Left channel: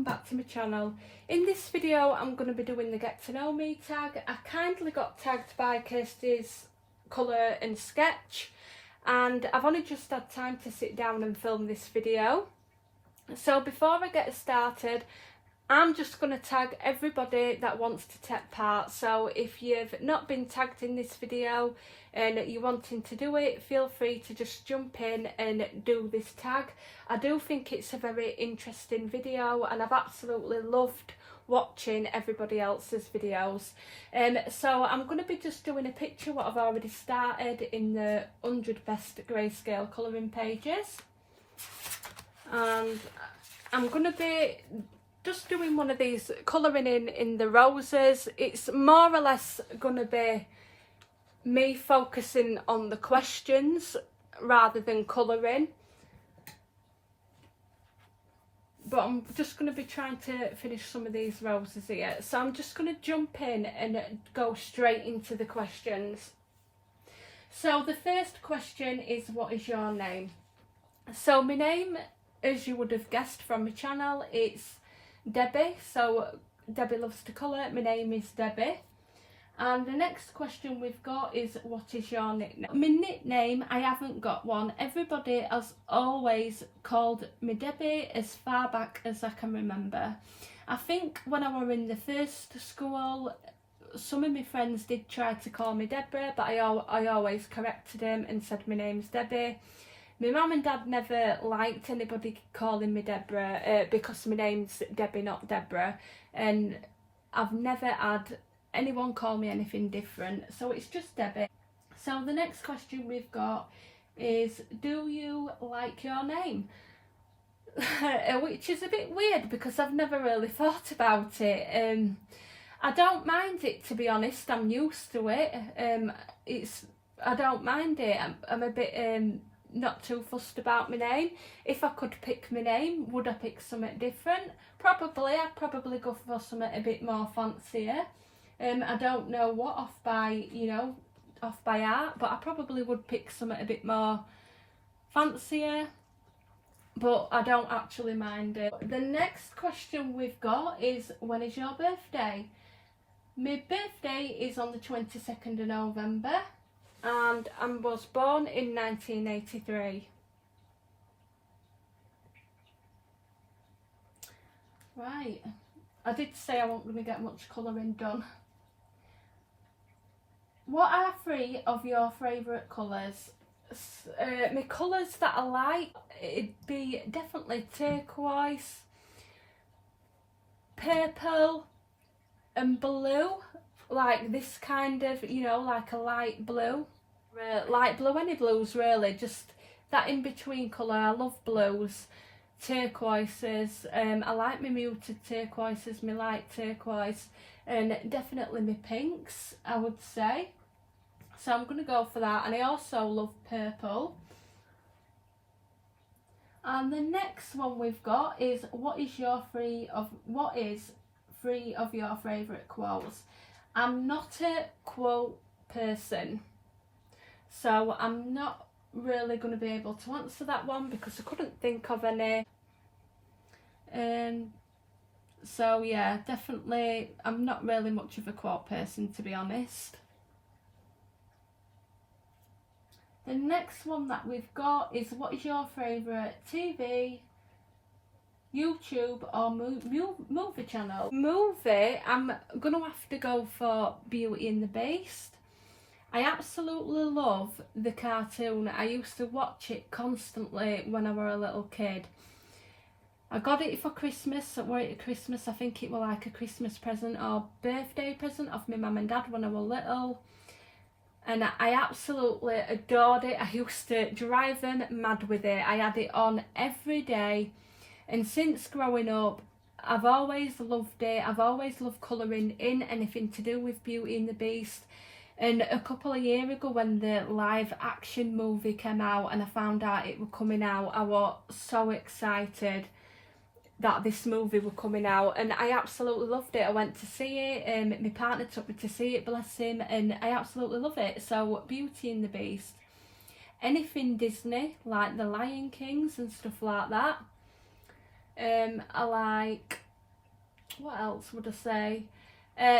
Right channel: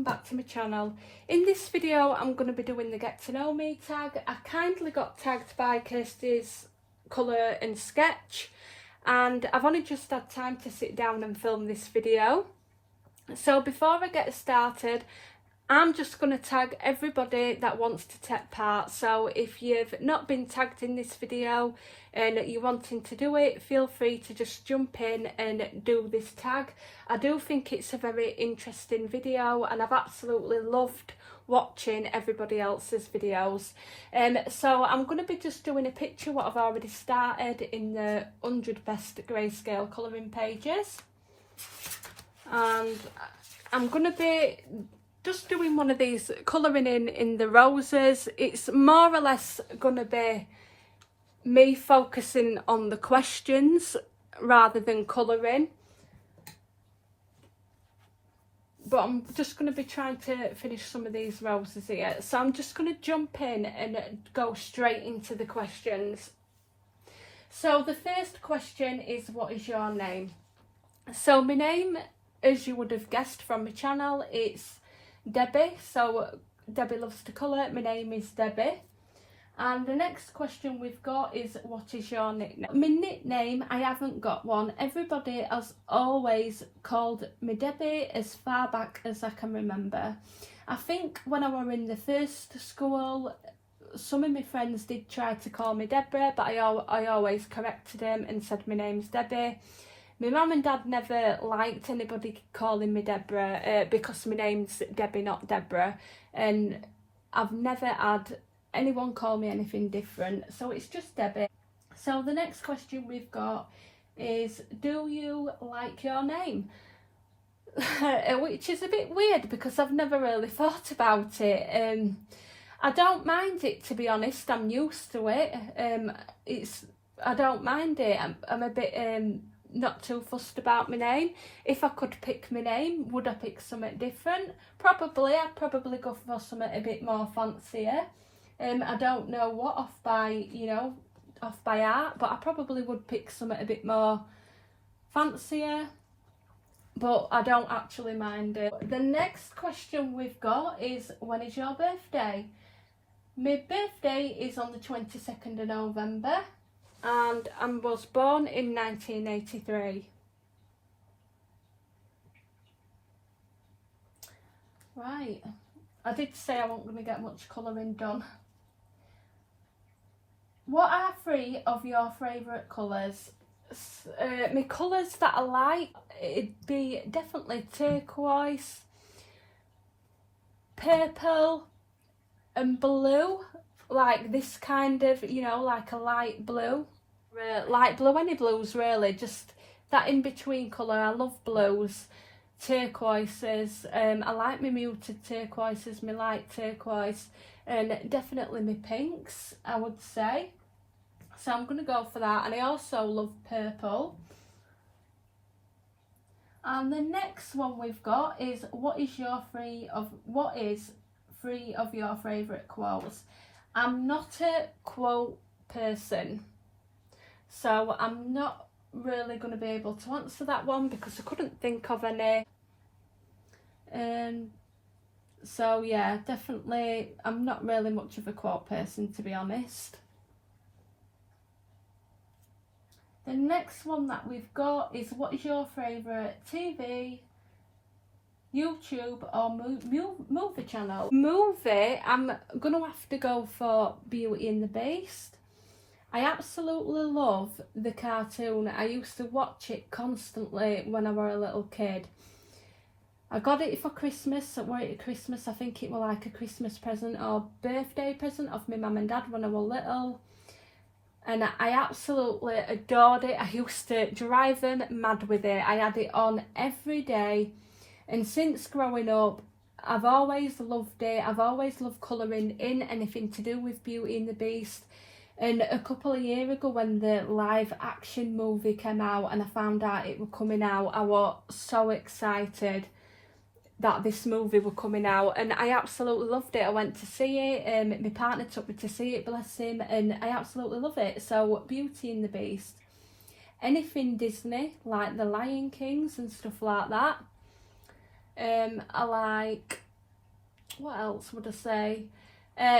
welcome back to my channel. In this video I'm going to be doing the get to know me tag. I kindly got tagged by Kirsty's colour and sketch, and I've only just had time to sit down and film this video. So before I get started, I'm just going to tag everybody that wants to take part. So if you've not been tagged in this video and you're wanting to do it, feel free to just jump in and do this tag. I do think it's a very interesting video and I've absolutely loved watching everybody else's videos. So I'm going to be just doing a picture what I've already started in the 100 best grayscale colouring pages, and I'm going to be just doing one of these colouring in the roses. It's more or less going to be me focusing on the questions rather than colouring, but I'm just going to be trying to finish some of these roses here. So I'm just going to jump in and go straight into the questions. So the first question is, what is your name? So my name, as you would have guessed from my channel, it's Debbie. So Debbie loves to colour. My name is Debbie. And the next question we've got is, what is your nickname? My nickname, I haven't got one. Everybody has always called me Debbie as far back as I can remember. I think when I were in the first school, some of my friends did try to call me Deborah, but I always corrected them and said my name's Debbie. My mum and dad never liked anybody calling me Deborah because my name's Debbie, not Deborah, and I've never had anyone call me anything different, so it's just Debbie. So the next question we've got is, do you like your name? Which is a bit weird because I've never really thought about it. I don't mind it, to be honest. I'm used to it. I don't mind it. I'm a bit not too fussed about my name. If I could pick my name, would I pick something different? Probably. I'd probably go for something a bit more fancier. I don't know what off by heart, but I probably would pick something a bit more fancier, but I don't actually mind it. The next question we've got is, when is your birthday? My birthday is on the 22nd of November. And I was born in 1983. Right, I did say I wasn't going to get much colouring done. What are 3 of your favourite colours? My colours that I like, it'd be definitely turquoise, purple and blue. Like this kind of, like a light blue, any blues really, just that in between colour. I love blues, turquoises. I like my muted turquoises, my light turquoise, and definitely my pinks, I would say. So I'm going to go for that. And I also love purple. And the next one we've got is, what is 3 of your favourite quotes? I'm not a quote person, so I'm not really going to be able to answer that one because I couldn't think of any. So yeah, definitely I'm not really much of a quote person, to be honest. The next one that we've got is, what is your favourite TV, YouTube or movie channel? Movie, I'm going to have to go for Beauty and the Beast. I absolutely love the cartoon. I used to watch it constantly when I were a little kid. I got it for Christmas. At Christmas, I think it was like a Christmas present or birthday present of my mum and dad when I was little. And I absolutely adored it. I used to drive them mad with it. I had it on every day. And since growing up, I've always loved it. I've always loved colouring in anything to do with Beauty and the Beast. And a couple of years ago, when the live action movie came out and I found out it was coming out, I was so excited that this movie was coming out, and I absolutely loved it. I went to see it. My partner took me to see it, bless him, and I absolutely love it. So Beauty and the Beast. Anything Disney, like the Lion Kings and stuff like that. I like what else would I say?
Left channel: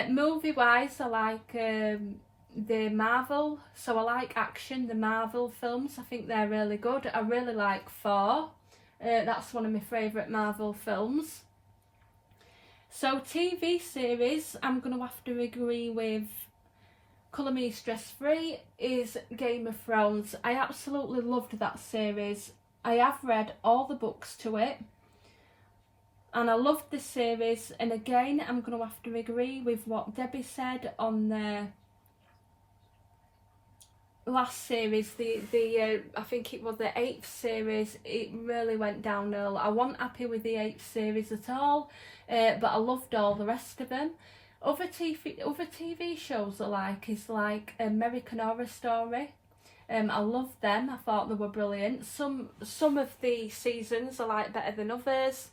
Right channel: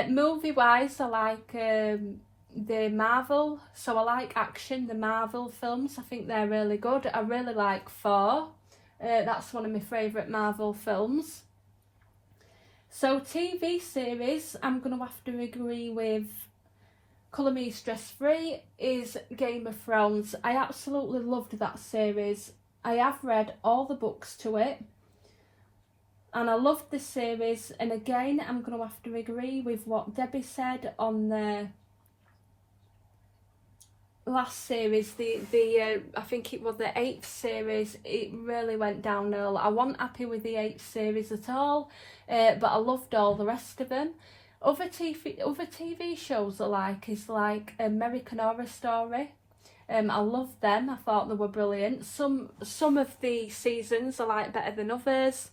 Movie wise, I like the Marvel, so I like action, the Marvel films. I think they're really good. I really like Thor. That's one of my favourite Marvel films. So TV series, I'm going to have to agree with Colour Me Stress Free is Game of Thrones. I absolutely loved that series. I have read all the books to it and I loved this series, and again I'm going to have to agree with what Debbie said on the last series, the I think it was the 8th series. It really went downhill. I wasn't happy with the 8th series at all, but I loved all the rest of them. Other TV shows I like is like American Horror Story. I loved them. I thought they were brilliant. Some of the seasons I like better than others,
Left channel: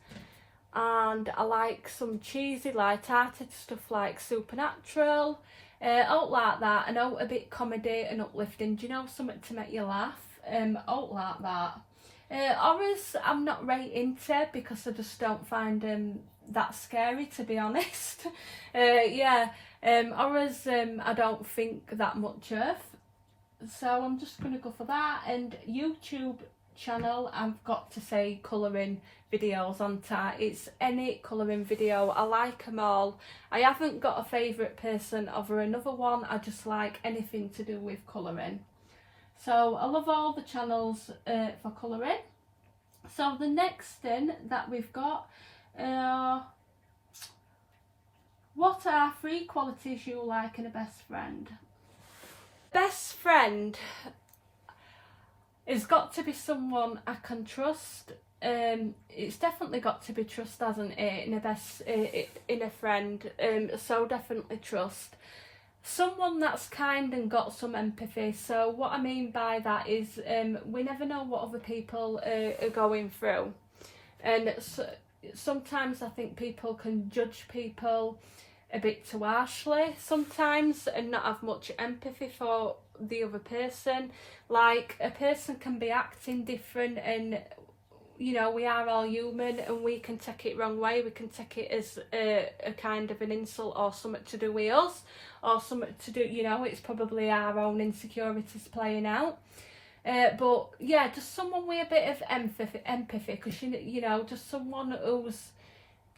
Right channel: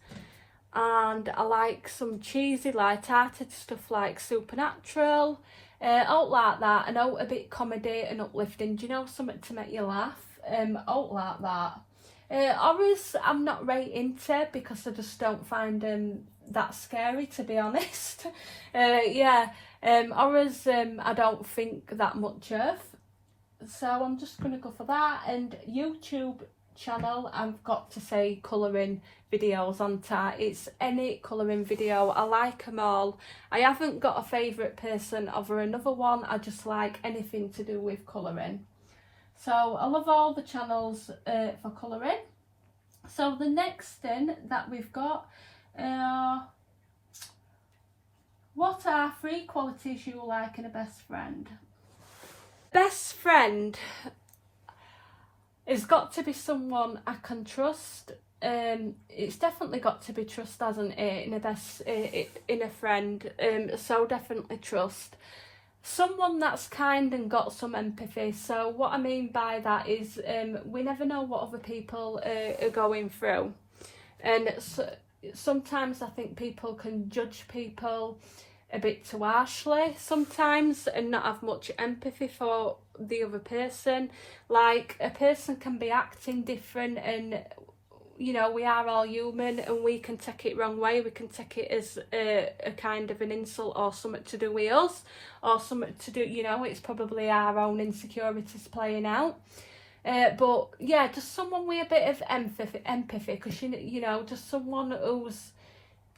and I like some cheesy, light-hearted stuff like Supernatural. Out like that, and out a bit comedy and uplifting. Do you know, something to make you laugh? Out like that. Horrors I'm not right into because I just don't find that scary, to be honest. Horrors I don't think that much of. So I'm just going to go for that. And YouTube channel, I've got to say colouring videos on that. It's any colouring video. I like them all. I haven't got a favourite person over another one. I just like anything to do with colouring. So I love all the channels for colouring. So the next thing that we've got, what are 3 qualities you like in a best friend? Best friend has got to be someone I can trust. It's definitely got to be trust, hasn't it, in a friend. So definitely trust. Someone that's kind and got some empathy. So what I mean by that is we never know what other people are going through, and sometimes I think people can judge people a bit too harshly sometimes and not have much empathy for the other person. Like, a person can be acting different, and you know, we are all human and we can take it wrong way. We can take it as a kind of an insult or something to do with us, or something to do, you know, it's probably our own insecurities playing out. But yeah, just someone with a bit of empathy, because you know, just someone who's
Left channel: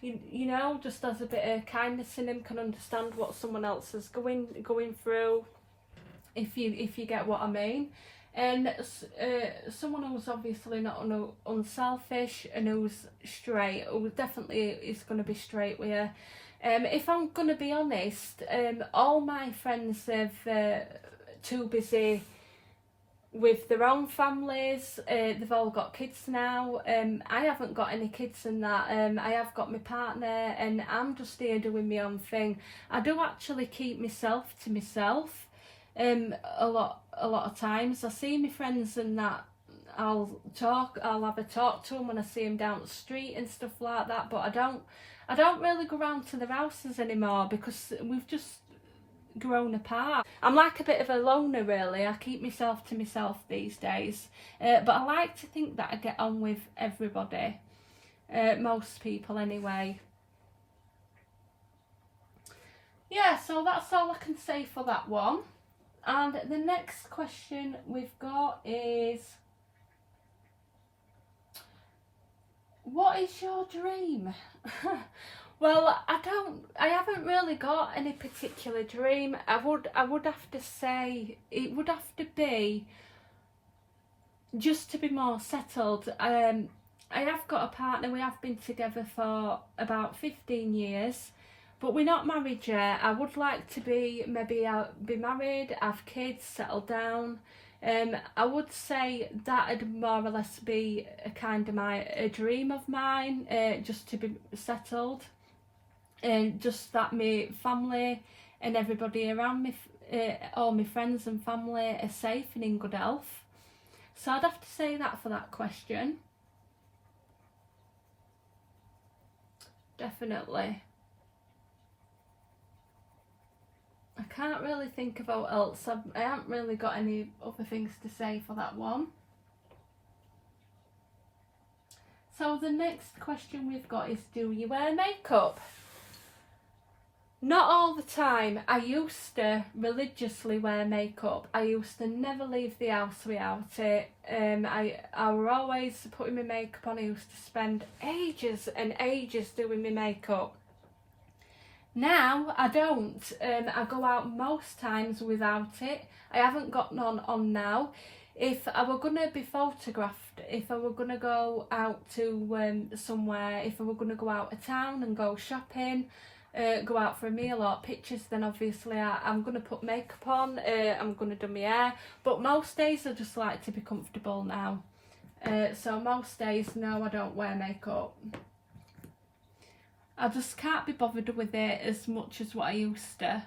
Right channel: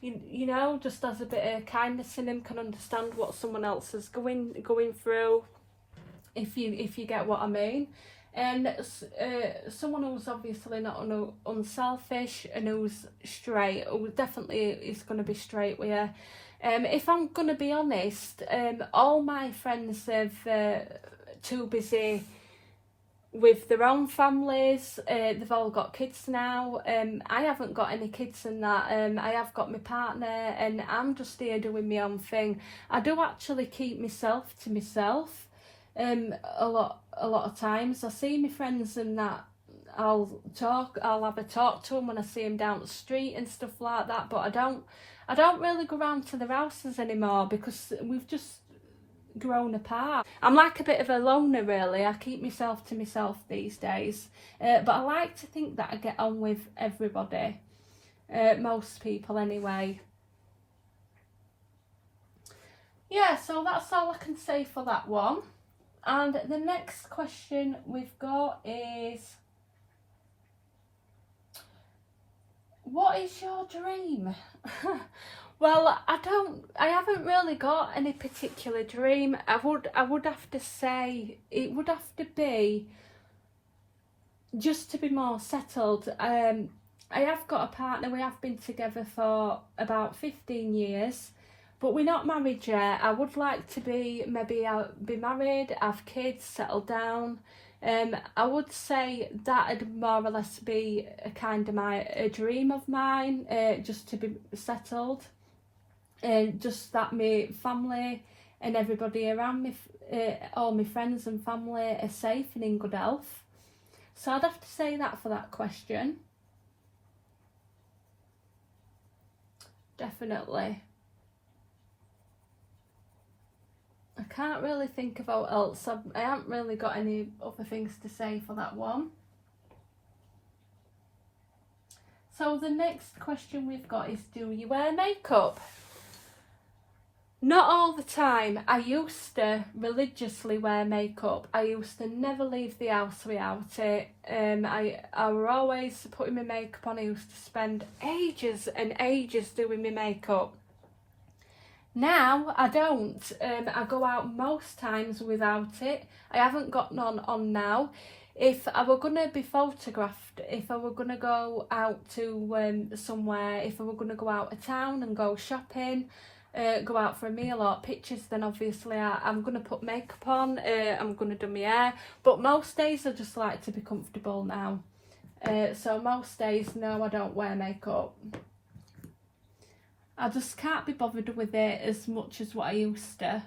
you know, just has a bit of kindness in him, can understand what someone else is going through, if you get what I mean. And someone who's obviously not unselfish and who's straight, who definitely is going to be straight with you. If I'm going to be honest, all my friends are too busy with their own families. They've all got kids now. I haven't got any kids in that. I have got my partner and I'm just here doing my own thing. I do actually keep myself to myself a lot of times. I see my friends and that, I'll have a talk to them when I see them down the street and stuff like that, but I don't really go round to their houses anymore because we've just grown apart. I'm like a bit of a loner, really. I keep myself to myself these days, but I like to think that I get on with everybody, most people anyway. Yeah, so that's all I can say for that one. And the next question we've got is, what is your dream? Well, I haven't really got any particular dream. I would have to say it would have to be just to be more settled. I have got a partner. We have been together for about 15 years. But we're not married yet. I would like to be married, have kids, settle down. I would say that'd more or less be a kind of a dream of mine, just to be settled, and just that my family and everybody around me, all my friends and family, are safe and in good health. So I'd have to say that for that question. Definitely. I can't really think of what else. I haven't really got any other things to say for that one. So the next question we've got is, do you wear makeup? Not all the time. I used to religiously wear makeup. I used to never leave the house without it. I were always putting my makeup on. I used to spend ages and ages doing my makeup. Now I don't. I go out most times without it. I haven't got none on now. If I were going to be photographed, if I were going to go out to somewhere, if I were going to go out of town and go shopping, go out for a meal or pictures, then obviously I'm going to put makeup on, I'm going to do my hair. But most days I just like to be comfortable now. So most days, no, I don't wear makeup. I just can't be bothered with it as much as what I used to.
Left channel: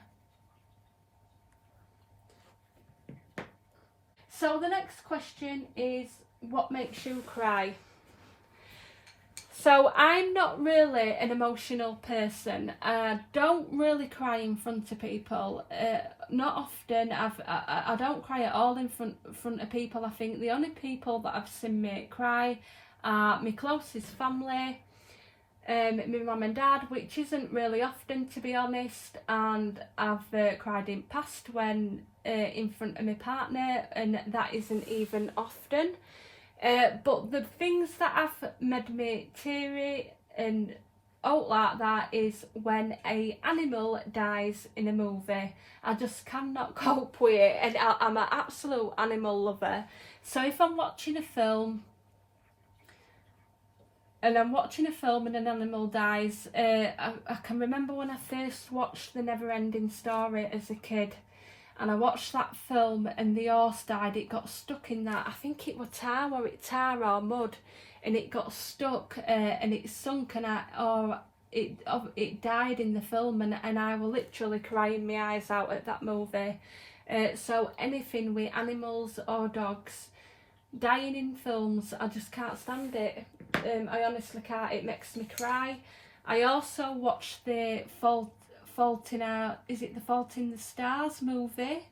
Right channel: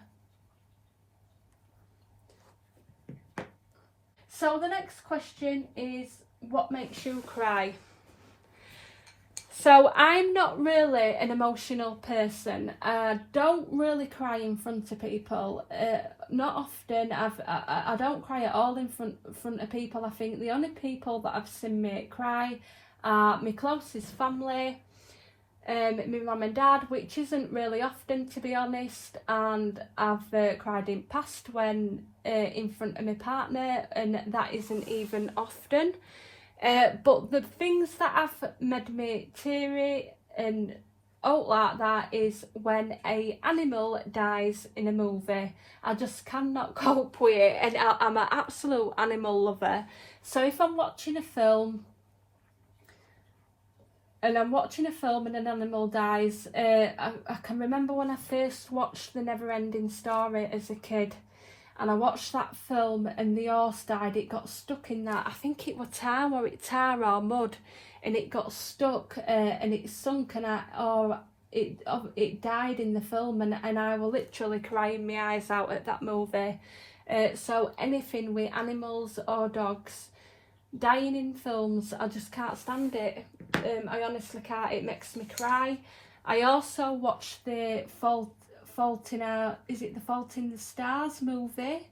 So the next question is, what makes you cry? So I'm not really an emotional person. I don't really cry in front of people. Not often. I don't cry at all in front of people. I think the only people that I've seen me cry are my closest family, my mum and dad, which isn't really often, to be honest, and I've cried in past when in front of my partner, and that isn't even often. But the things that have made me teary and out like that is when a animal dies in a movie. I just cannot cope with it, and I'm an absolute animal lover. So if I'm watching a film and an animal dies, I can remember when I first watched The Never-Ending Story as a kid, and I watched that film and the horse died. It got stuck in that, I think it was tar or mud, and it got stuck and it sunk, and it died in the film, and I was literally crying my eyes out at that movie. So anything with animals or dogs dying in films, I just can't stand it. I honestly can't. It makes me cry. I also watched the Fault in the Stars movie.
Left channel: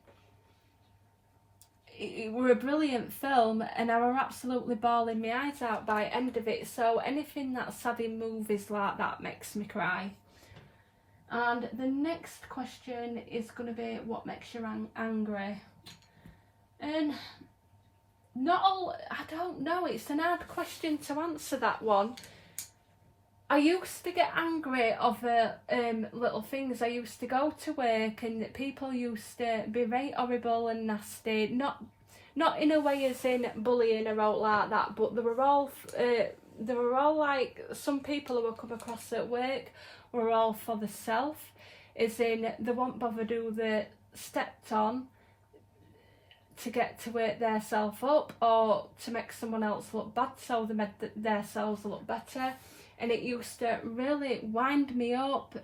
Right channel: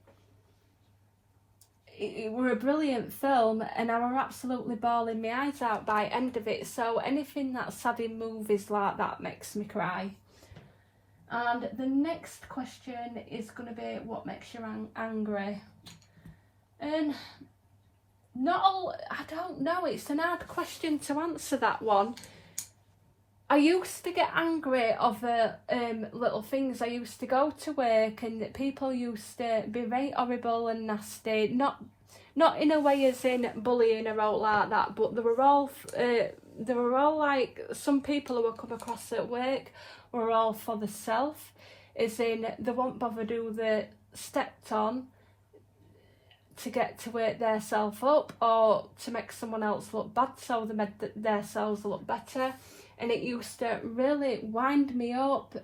It were a brilliant film, and I were absolutely bawling my eyes out by the end of it. So anything that's sad in movies like that makes me cry. And the next question is going to be, what makes you angry? And not all, I don't know, it's an hard question to answer, that one. I used to get angry over little things. I used to go to work and people used to be very horrible and nasty. Not in a way as in bullying or out like that, but they were all like, some people who I come across at work were all for the self, as in they won't bother do the stepped on to get to work their self up or to make someone else look bad, so they made their selves look better. And it used to really wind me up.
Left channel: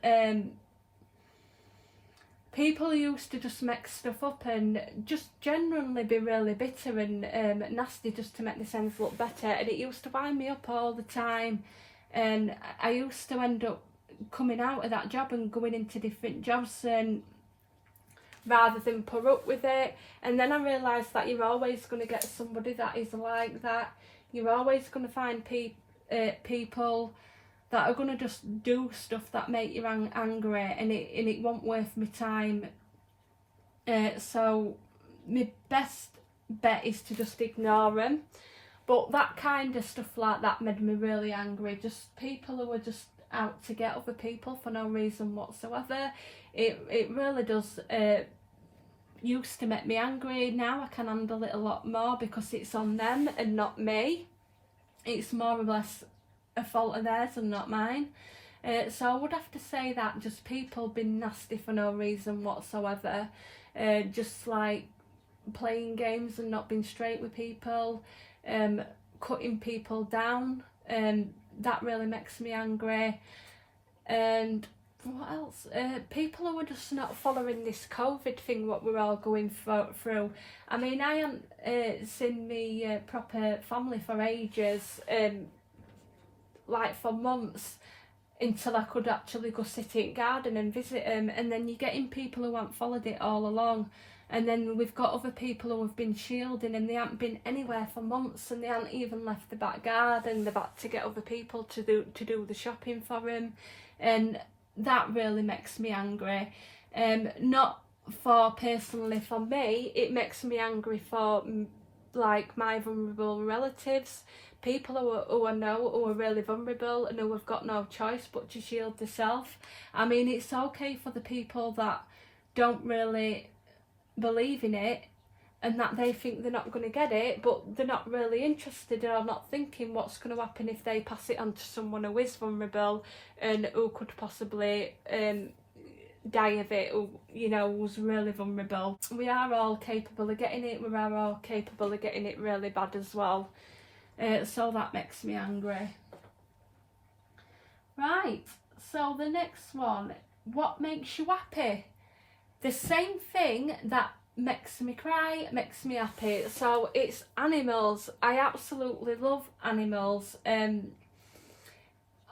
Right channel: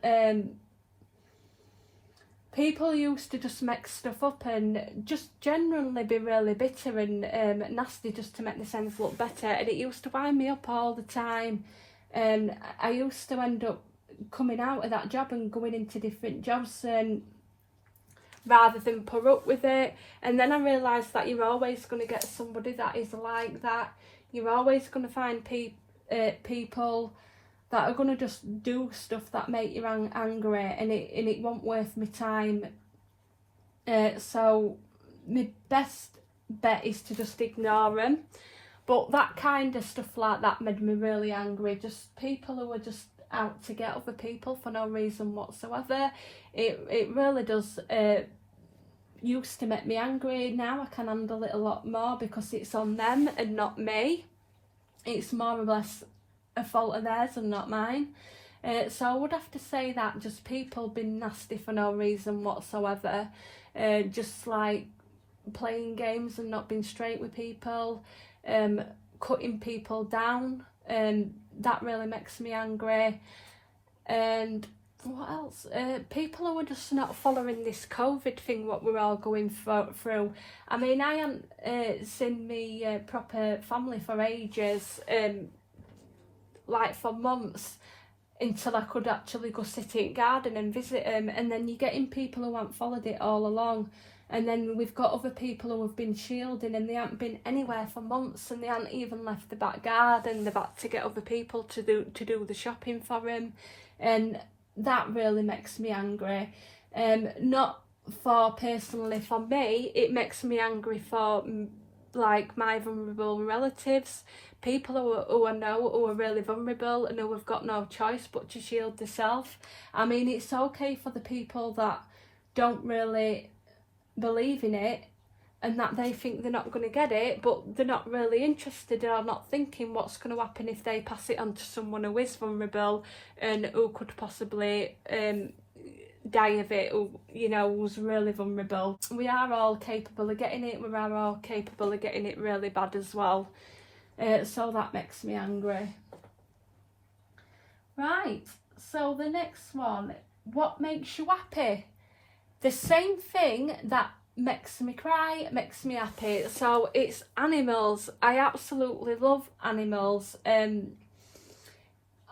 People used to just make stuff up and just generally be really bitter and nasty just to make themselves look better. And it used to wind me up all the time. And I used to end up coming out of that job and going into different jobs, and rather than put up with it. And then I realised that you're always going to get somebody that is like that. You're always going to find people that are going to just do stuff that make you angry, and it won't worth my time. So my best bet is to just ignore them. But that kind of stuff like that made me really angry. Just people who are just out to get other people for no reason whatsoever. It really does used to make me angry. Now I can handle it a lot more because it's on them and not me. It's more or less a fault of theirs and not mine. So I would have to say that just people being nasty for no reason whatsoever, just like playing games and not being straight with people, cutting people down, that really makes me angry. And what else? People who are just not following this COVID thing, what we're all going through. I mean, I haven't seen me proper family for ages, like for months, until I could actually go sit in garden and visit them. And then you're getting people who haven't followed it all along, and then we've got other people who have been shielding and they haven't been anywhere for months, and they haven't even left the back garden. They've had to get other people to do the shopping for them, and that really makes me angry. Not for personally for me, it makes me angry for like my vulnerable relatives, people who I know who are really vulnerable and who have got no choice but to shield themselves. I mean, it's okay for the people that don't really believe in it and that they think they're not going to get it, but they're not really interested or not thinking what's going to happen if they pass it on to someone who is vulnerable and who could possibly die of it, who, you know, was really vulnerable. We are all capable of getting it, we are all capable of getting it really bad as well. So that makes me angry. Right, so the next one, what makes you happy? The same thing that makes me cry makes me happy. So it's animals. I absolutely love animals.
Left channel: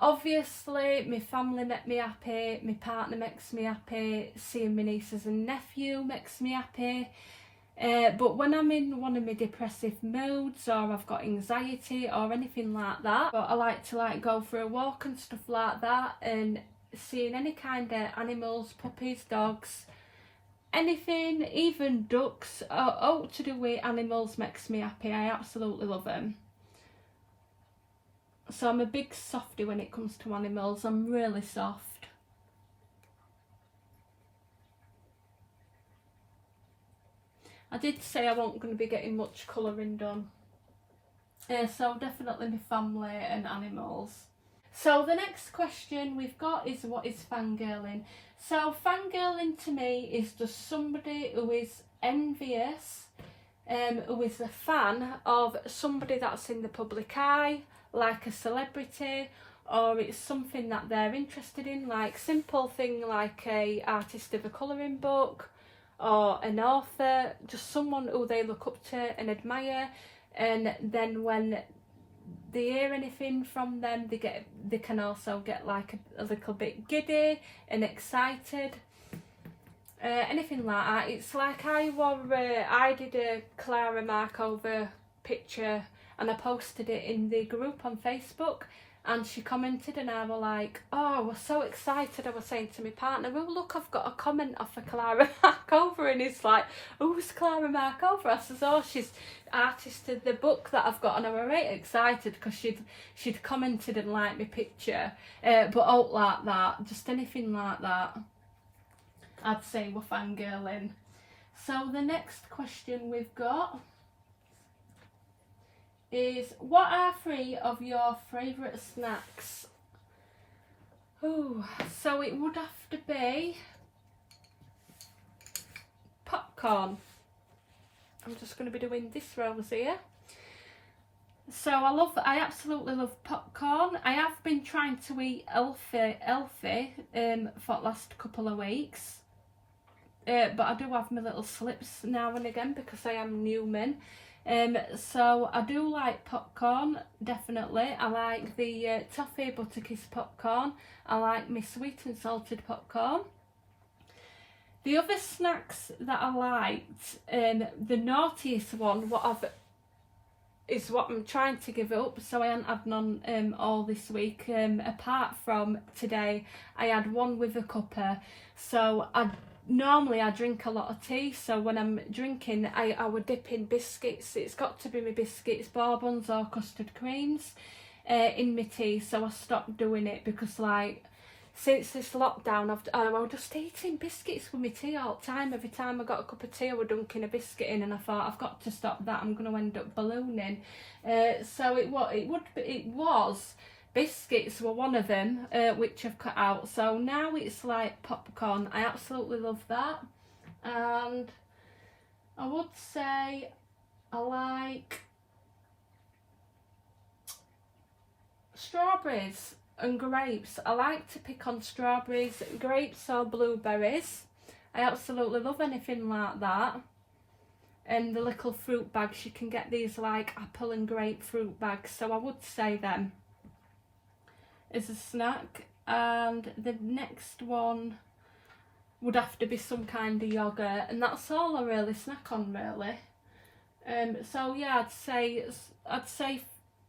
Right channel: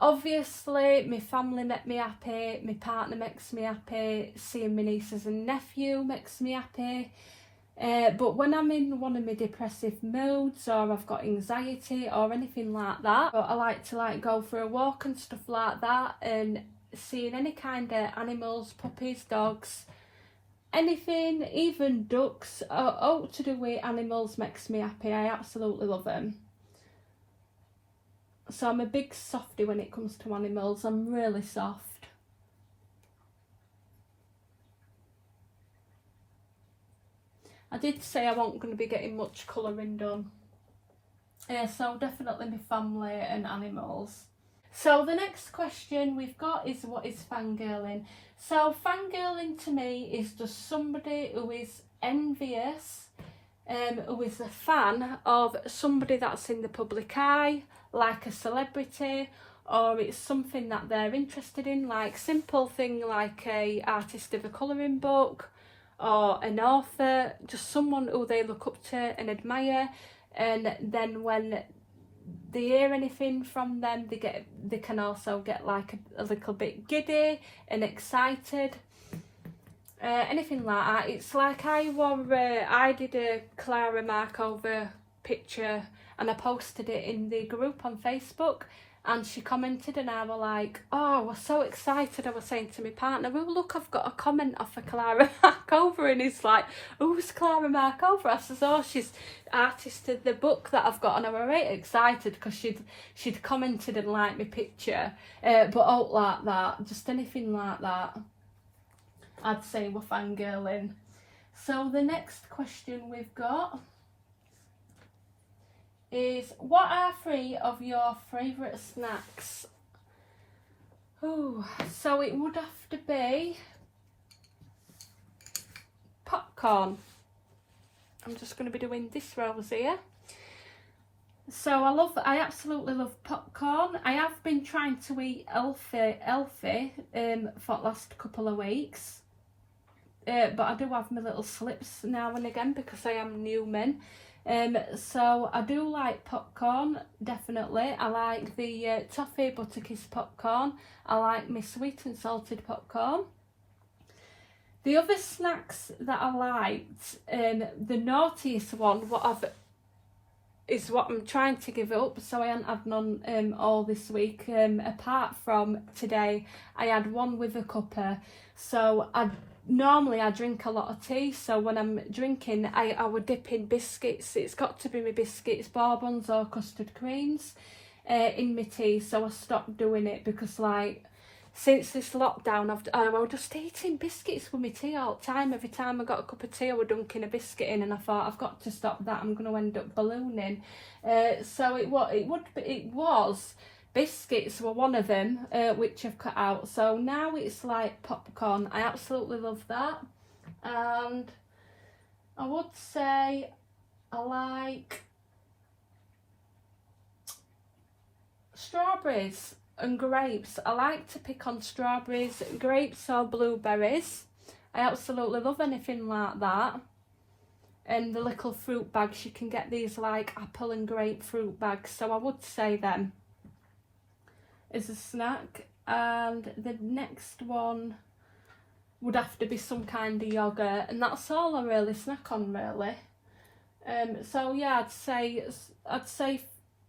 Obviously my family make me happy, my partner makes me happy, seeing my nieces and nephew makes me happy. But when I'm in one of my depressive moods or I've got anxiety or anything like that, I like to go for a walk and stuff like that, and seeing any kind of animals, puppies, dogs, anything, even ducks, all to do with animals makes me happy. I absolutely love them. So I'm a big softie when it comes to animals. I'm really soft. I did say I wasn't going to be getting much colouring done. So definitely my family and animals. So the next question we've got is, what is fangirling? So fangirling to me is just somebody who is envious, who is a fan of somebody that's in the public eye, like a celebrity, or it's something that they're interested in, like simple thing like a artist of a colouring book or an author, just someone who they look up to and admire, and then when they hear anything from them, they can also get like a little bit giddy and excited, anything like that. It's like I did a Clara Markova picture and I posted it in the group on Facebook, and she commented and I was like, oh, I was so excited. I was saying to my partner, well look, I've got a comment off of Clara Markova, and it's like, who's Clara Markova? I says, oh, she's artist of the book that I've got, and I was right excited because she'd commented and liked my picture, but out like that, just anything like that, I'd say we're fangirling. So the next question we've got is, what are 3 of your favourite snacks? Oh, so it would have to be popcorn. I'm just going to be doing this rose here. So I absolutely love popcorn. I have been trying to eat healthy for the last couple of weeks. But I do have my little slips now and again because I am human. So I do like popcorn, definitely. I like the toffee butterkiss popcorn. I like my sweet and salted popcorn. The other snacks that I liked, the naughtiest one is what I'm trying to give up, so I haven't had none all this week. Apart from today, I had one with a cuppa. So normally I drink a lot of tea, so when I'm drinking I would dip in biscuits. It's got to be my biscuits, bourbons or custard creams in my tea, so I stopped doing it because like since this lockdown I was just eating biscuits with my tea all the time. Every time I got a cup of tea I was dunking a biscuit in, and I thought I've got to stop that, I'm going to end up ballooning. So it was biscuits were one of them, which I've cut out. So now it's like popcorn. I absolutely love that. And I would say I like strawberries and grapes. I like to pick on strawberries, grapes or blueberries. I absolutely love anything like that. And the little fruit bags, you can get these like apple and grapefruit bags. So I would say them is a snack. And the next one would have to be some kind of yogurt, and that's all I really snack on really. So yeah, I'd say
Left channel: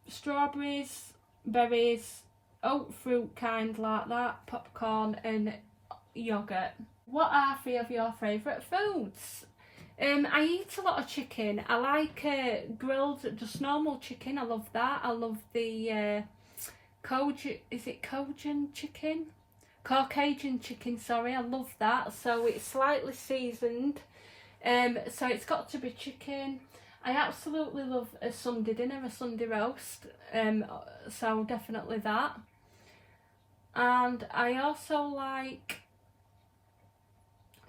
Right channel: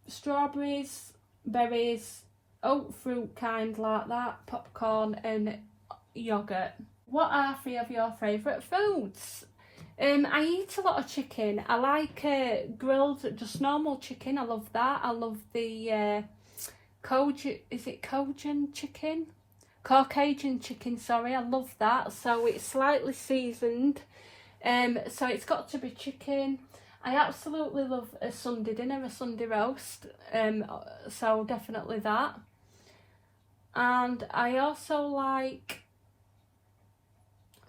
strawberries, berries, oat fruit kind like that, popcorn and yoghurt. What are 3 of your favourite foods? I eat a lot of chicken. I like grilled, just normal chicken. I love that. I love the Cajun chicken? Caucasian chicken, sorry. I love that. So it's slightly seasoned. So it's got to be chicken. I absolutely love a Sunday dinner, a Sunday roast. So definitely that. And I also like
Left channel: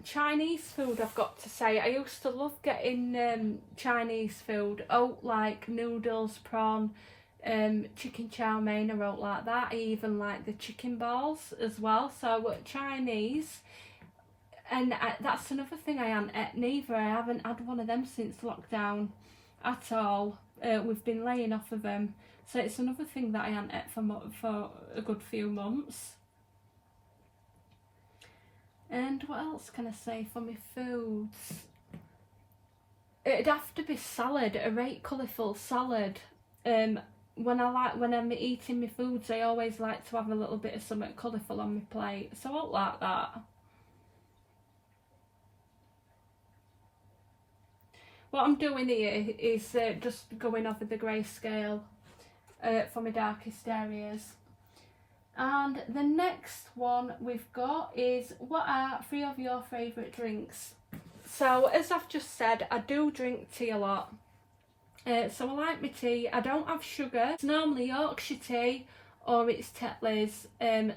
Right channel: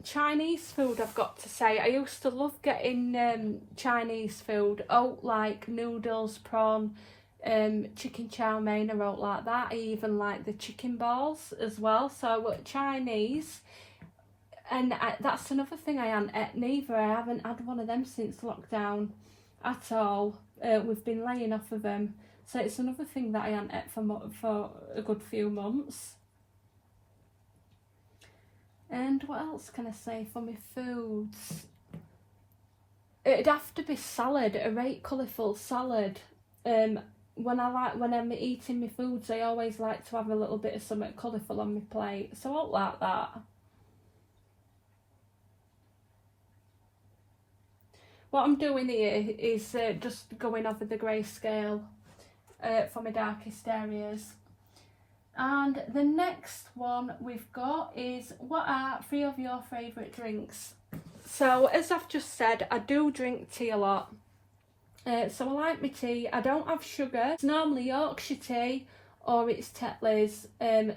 Chinese food, I've got to say. I used to love getting Chinese food, like noodles, prawn, chicken chow mein, I wrote like that. I even like the chicken balls as well. So Chinese, and that's another thing I haven't ate neither. I haven't had one of them since lockdown at all. We've been laying off of them, so it's another thing that I haven't ate for a good few months. And what else can I say for my foods? It'd have to be salad, a right colourful salad. When I'm eating my foods, I always like to have a little bit of something colourful on my plate, so I like that. What I'm doing here is just going over the grayscale for my darkest areas. And the next one we've got is, what are 3 of your favourite drinks? So as I've just said, I do drink tea a lot. So I like my tea. I don't have sugar. It's normally Yorkshire tea or it's Tetley's.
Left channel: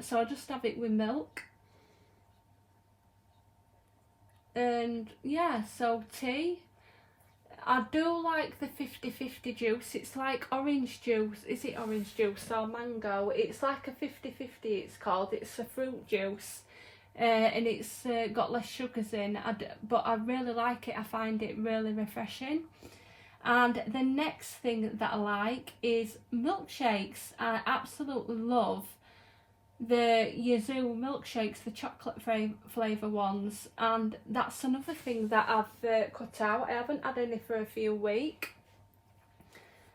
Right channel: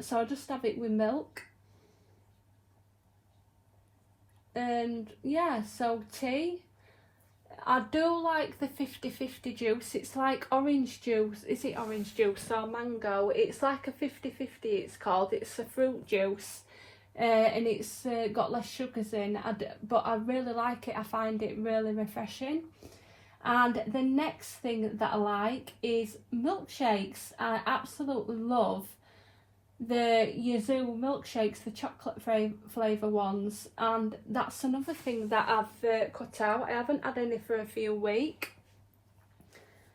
So I just have it with milk. And yeah, so tea. I do like the 50-50 juice. It's like orange juice. Is it orange juice or mango? It's like a 50-50 it's called. It's a fruit juice. And it's got less sugars in. But I really like it. I find it really refreshing. And the next thing that I like is milkshakes. I absolutely love the Yazoo milkshakes, the chocolate flavour ones, and that's another thing that I've cut out. I haven't had any for a few weeks,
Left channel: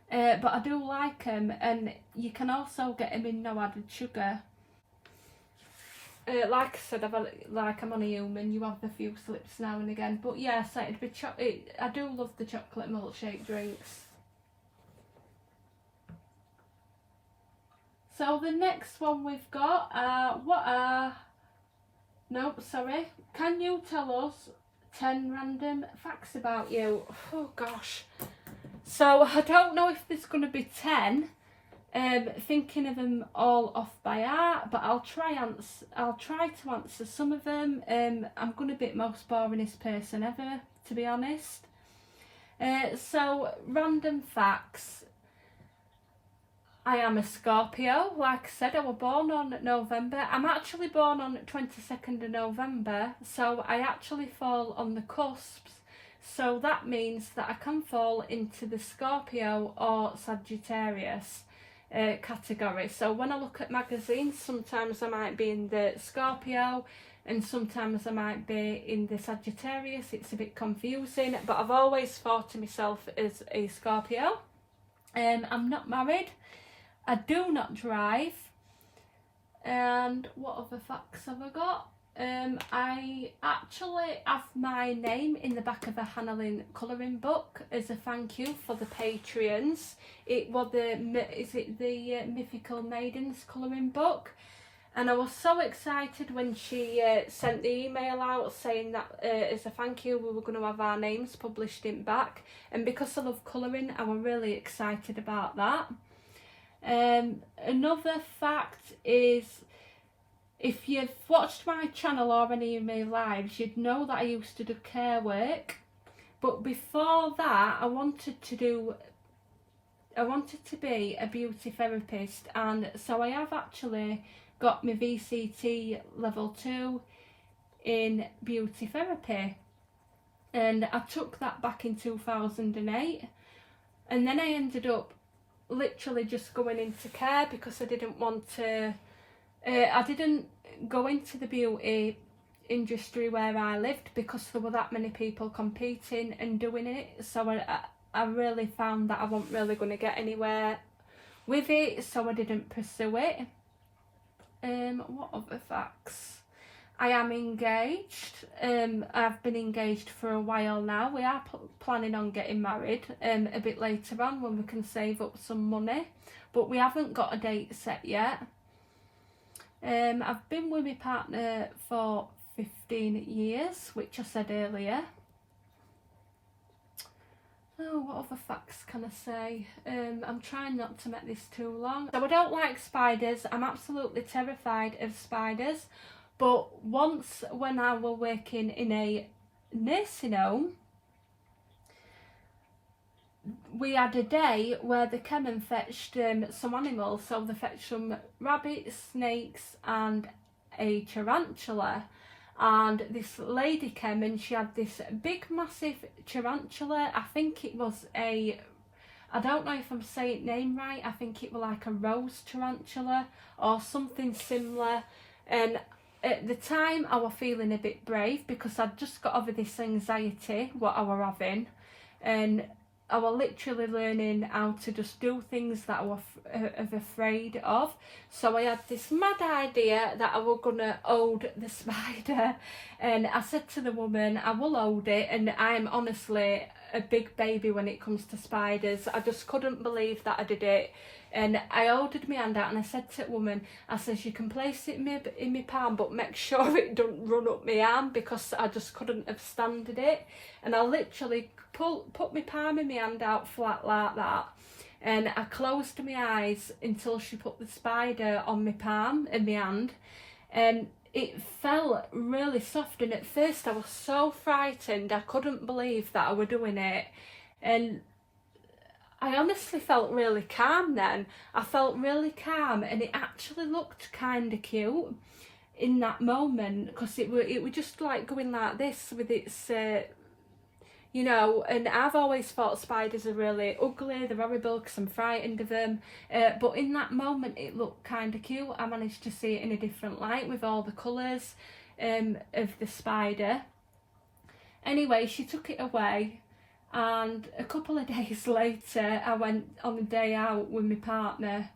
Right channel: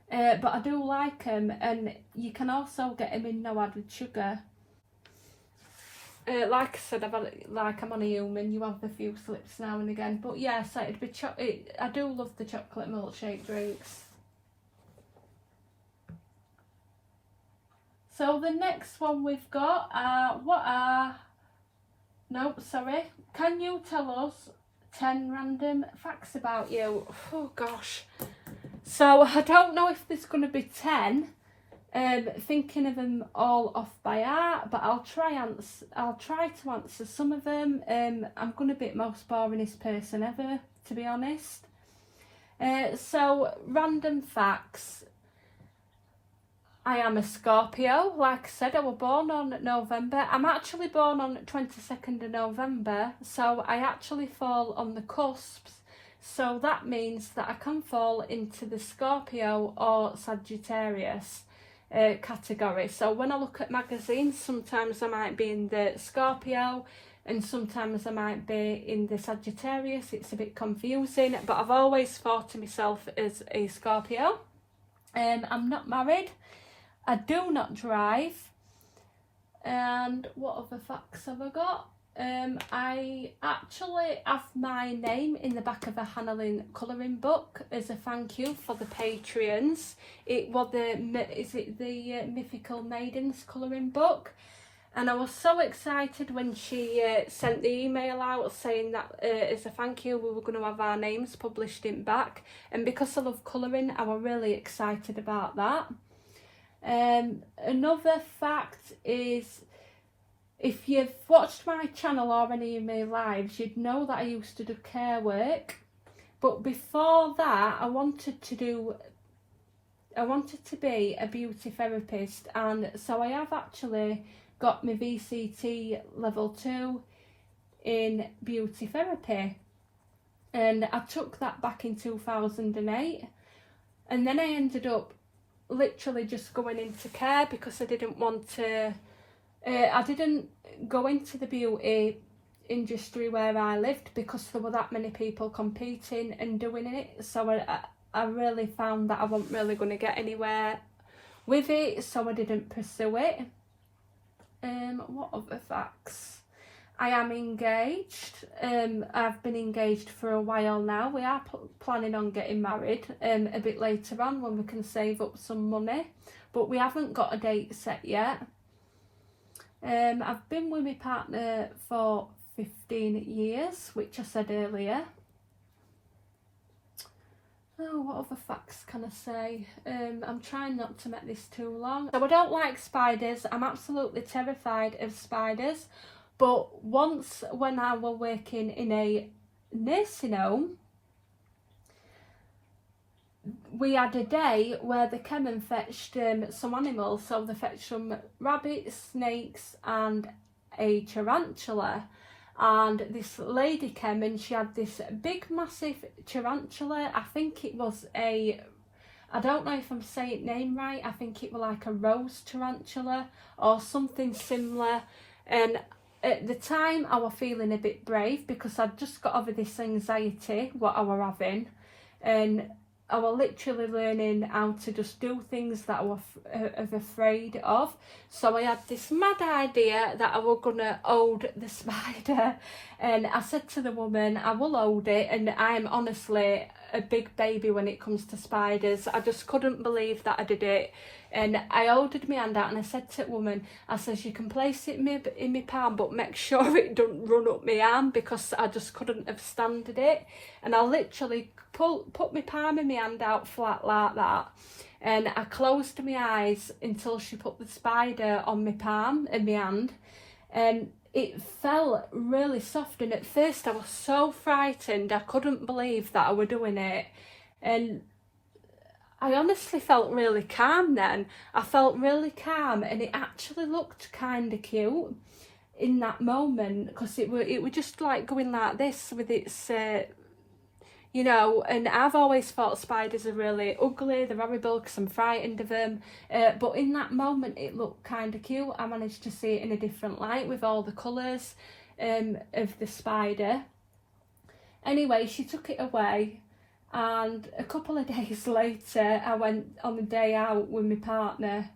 but I do like them, and you can also get them in no added sugar. Like I said, I'm on a human, you have a few slips now and again, but yeah, so it'd be I do love the chocolate milkshake drinks. So the next one we've got can you tell us 10 random facts about you? Oh gosh. So I don't know if there's going to be 10, thinking of them all off by heart, but I'll try to answer some of them. I'm going to be the most boringest person ever, to be honest. So random facts. I am a Scorpio. Like I said, I was born on November. I'm actually born on 22nd of November, so I actually fall on the cusps. So that means that I can fall into the Scorpio or Sagittarius category. So when I look at magazines, sometimes I might be in the Scorpio and sometimes I might be in the Sagittarius. It's a bit confusing, but I've always thought of myself as a Scorpio. I'm not married. I do not drive. And what other facts have I got? I actually have my name in the back of a Hannah colouring book as a thank you for the Patreons. It was the Mythical Maidens colouring book. And I was so excited when she sent the email out saying that as a thank you we were going to have our names published in back. And because I love colouring, I was really excited about that. Another fact is, if you've watched my channel or any of my lives, you'd know that I used to do care work. But before that, I wanted to be a beauty therapist, and so I have actually got my VCT level 2 in beauty therapy, and I took that back in 2008, and then I ended up literally just going into care because I didn't want to I didn't go into the beauty industry where I lived because there were that many people competing and doing it, so I really found that I wasn't really going to get anywhere with it, so I didn't pursue it. What other facts? I am engaged. I've been engaged for a while now. We are planning on getting married a bit later on when we can save up some money, but we haven't got a date set yet. I've been with my partner for 15 years, which I said earlier. Oh, what other facts can I say? I'm trying not to make this too long. So I don't like spiders. I'm absolutely terrified of spiders. But once when I was working in a nursing home, we had a day where they came and fetched some animals. So they fetched some rabbits, snakes and a tarantula. And this lady came and she had this big massive tarantula. I think it was I don't know if I'm saying the name right, I think it was like a rose tarantula or something similar. And at the time I was feeling a bit brave because I'd just got over this anxiety what I were having, and I was literally learning how to just do things that I was afraid of. So I had this mad idea that I was going to hold the spider, and I said to the woman, I will hold it, and I'm honestly a big baby when it comes to spiders. I just couldn't believe that I did it. And I holded my hand out and I said to the woman, I says, you can place it in my palm, but make sure it don't run up my arm, because I just couldn't have standed it. And I literally put my palm and my hand out flat like that. And I closed my eyes until she put the spider on my palm and my hand. And it felt really soft. And at first I was so frightened. I couldn't believe that I were doing it. And I honestly felt really calm then. I felt really calm, and it actually looked kind of cute in that moment, because it were just like going like this with its, you know, and I've always thought spiders are really ugly, they're horrible because I'm frightened of them, but in that moment it looked kind of cute. I managed to see it in a different light with all the colours of the spider. Anyway, she took it away. And a couple of days later, I went on a day out with my partner,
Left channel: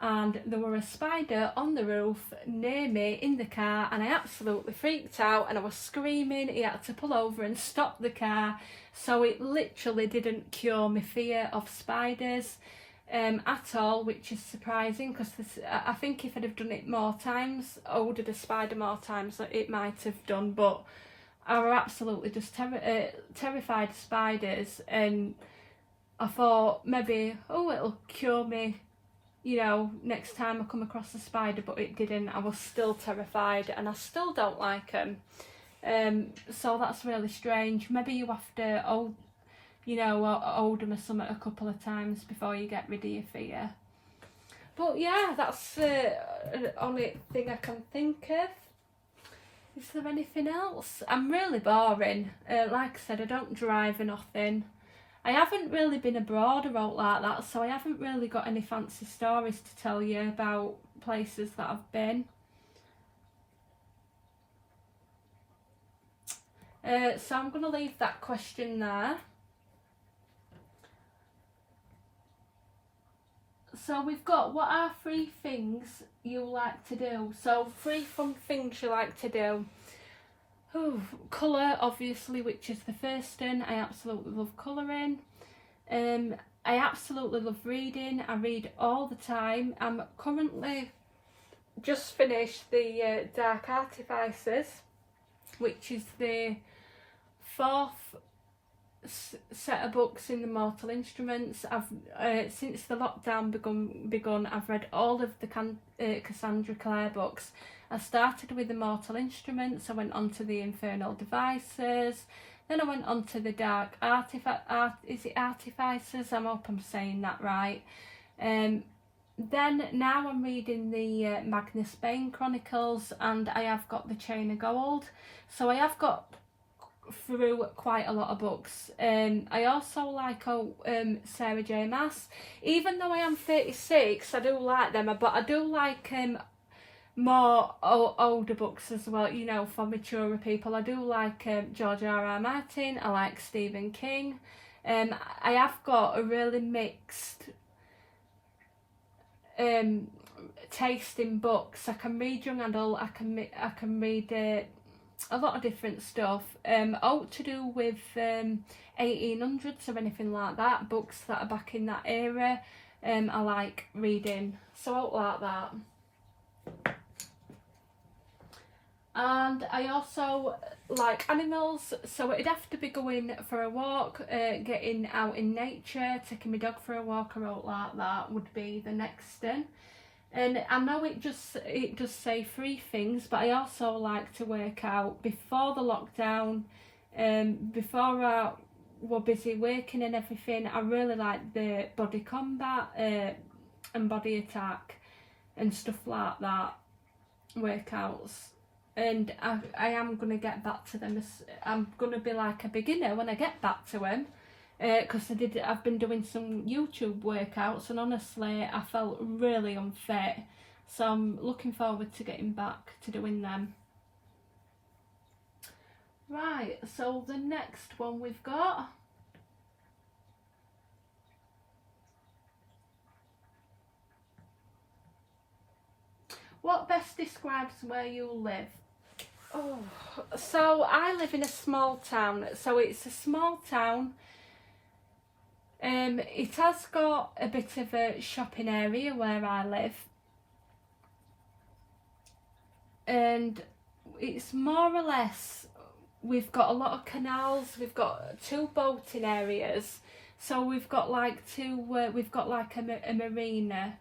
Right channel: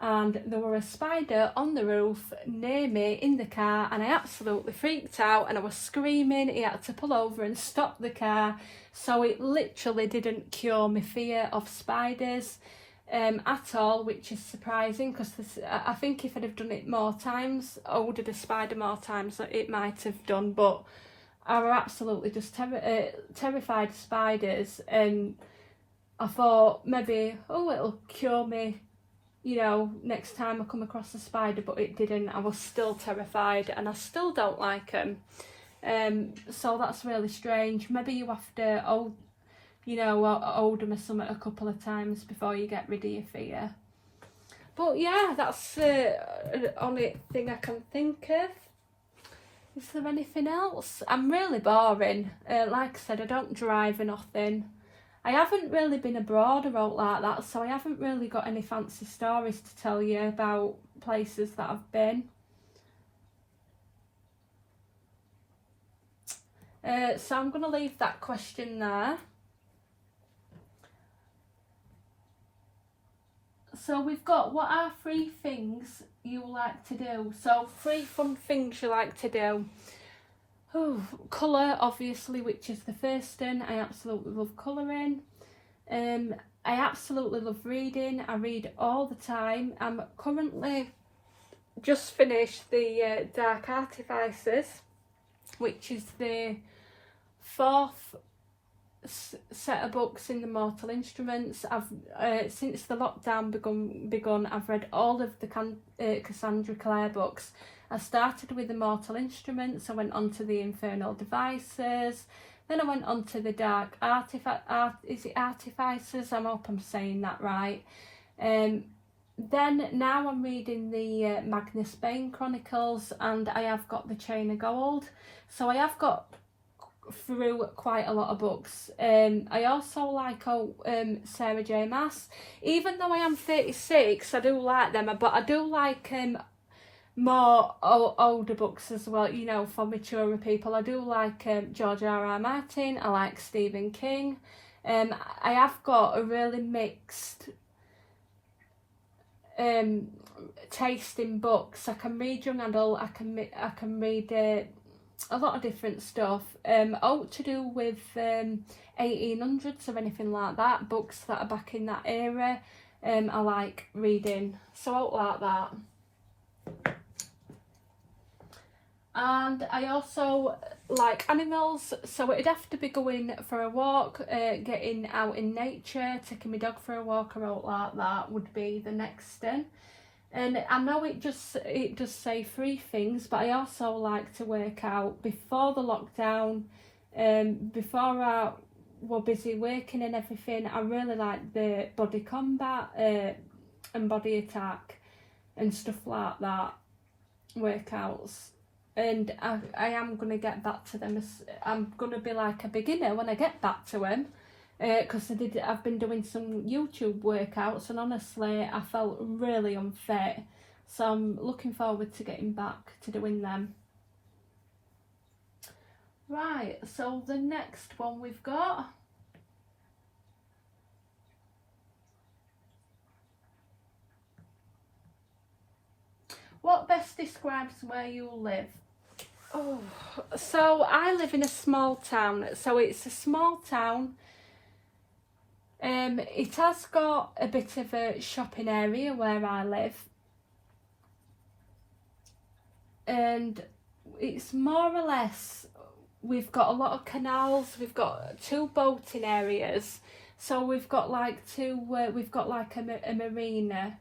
and there were a spider on the roof near me in the car, and I absolutely freaked out and I was screaming. He had to pull over and stop the car. So it literally didn't cure my fear of spiders at all, which is surprising, because I think if I'd have done it more times, ordered a spider more times, it might have done, but I were absolutely just terrified of spiders, and I thought maybe, oh, it'll cure me, you know, next time I come across a spider, but it didn't. I was still terrified, and I still don't like them. So that's really strange. Maybe you have to, hold them or something a couple of times before you get rid of your fear. But yeah, that's the only thing I can think of. Is there anything else? I'm really boring. Like I said, I don't drive or nothing. I haven't really been abroad or out like that, so I haven't really got any fancy stories to tell you about places that I've been. So I'm going to leave that question there. So we've got, what are 3 things you like to do? So 3 fun things you like to do. Colour, obviously, which is the first one. I absolutely love colouring. I absolutely love reading. I read all the time. I'm currently just finished the Dark Artifices, which is the 4th set of books in the Mortal Instruments. I've since the lockdown begun, I've read all of the Cassandra Clare books. I started with the Mortal Instruments, I went on to the Infernal Devices, then I went on to the Dark Artifices, I hope I'm saying that right. Then now I'm reading the Magnus Bane Chronicles, and I have got the Chain of Gold. So I have got through quite a lot of books. I also like Sarah J Maas. Even though I am 36, I do like them, but I do like more older books as well, you know, for maturer people. I do like George R.R. Martin. I like Stephen King. I have got a really mixed tasting books. I can read young adult, I can read a lot of different stuff, all to do with 1800s or anything like that, books that are back in that era. I like reading, so out like that. And I also like animals, so it'd have to be going for a walk, getting out in nature, taking my dog for a walk or out like that would be the next thing. And I know it does say 3 things, but I also like to work out before the lockdown, before I were busy working and everything. I really like the body combat and body attack and stuff like that, workouts. And I am going to get back to them. I'm going to be like a beginner when I get back to them, because I've been doing some YouTube workouts and honestly I felt really unfit, so I'm looking forward to getting back to doing them. Right, so the next one we've got, what best describes where you live? Oh, so I live in a small town, so it's a small town. It has got a bit of a shopping area where I live, and it's more or less, we've got a lot of canals, we've got 2 boating areas, so we've got like we've got like a marina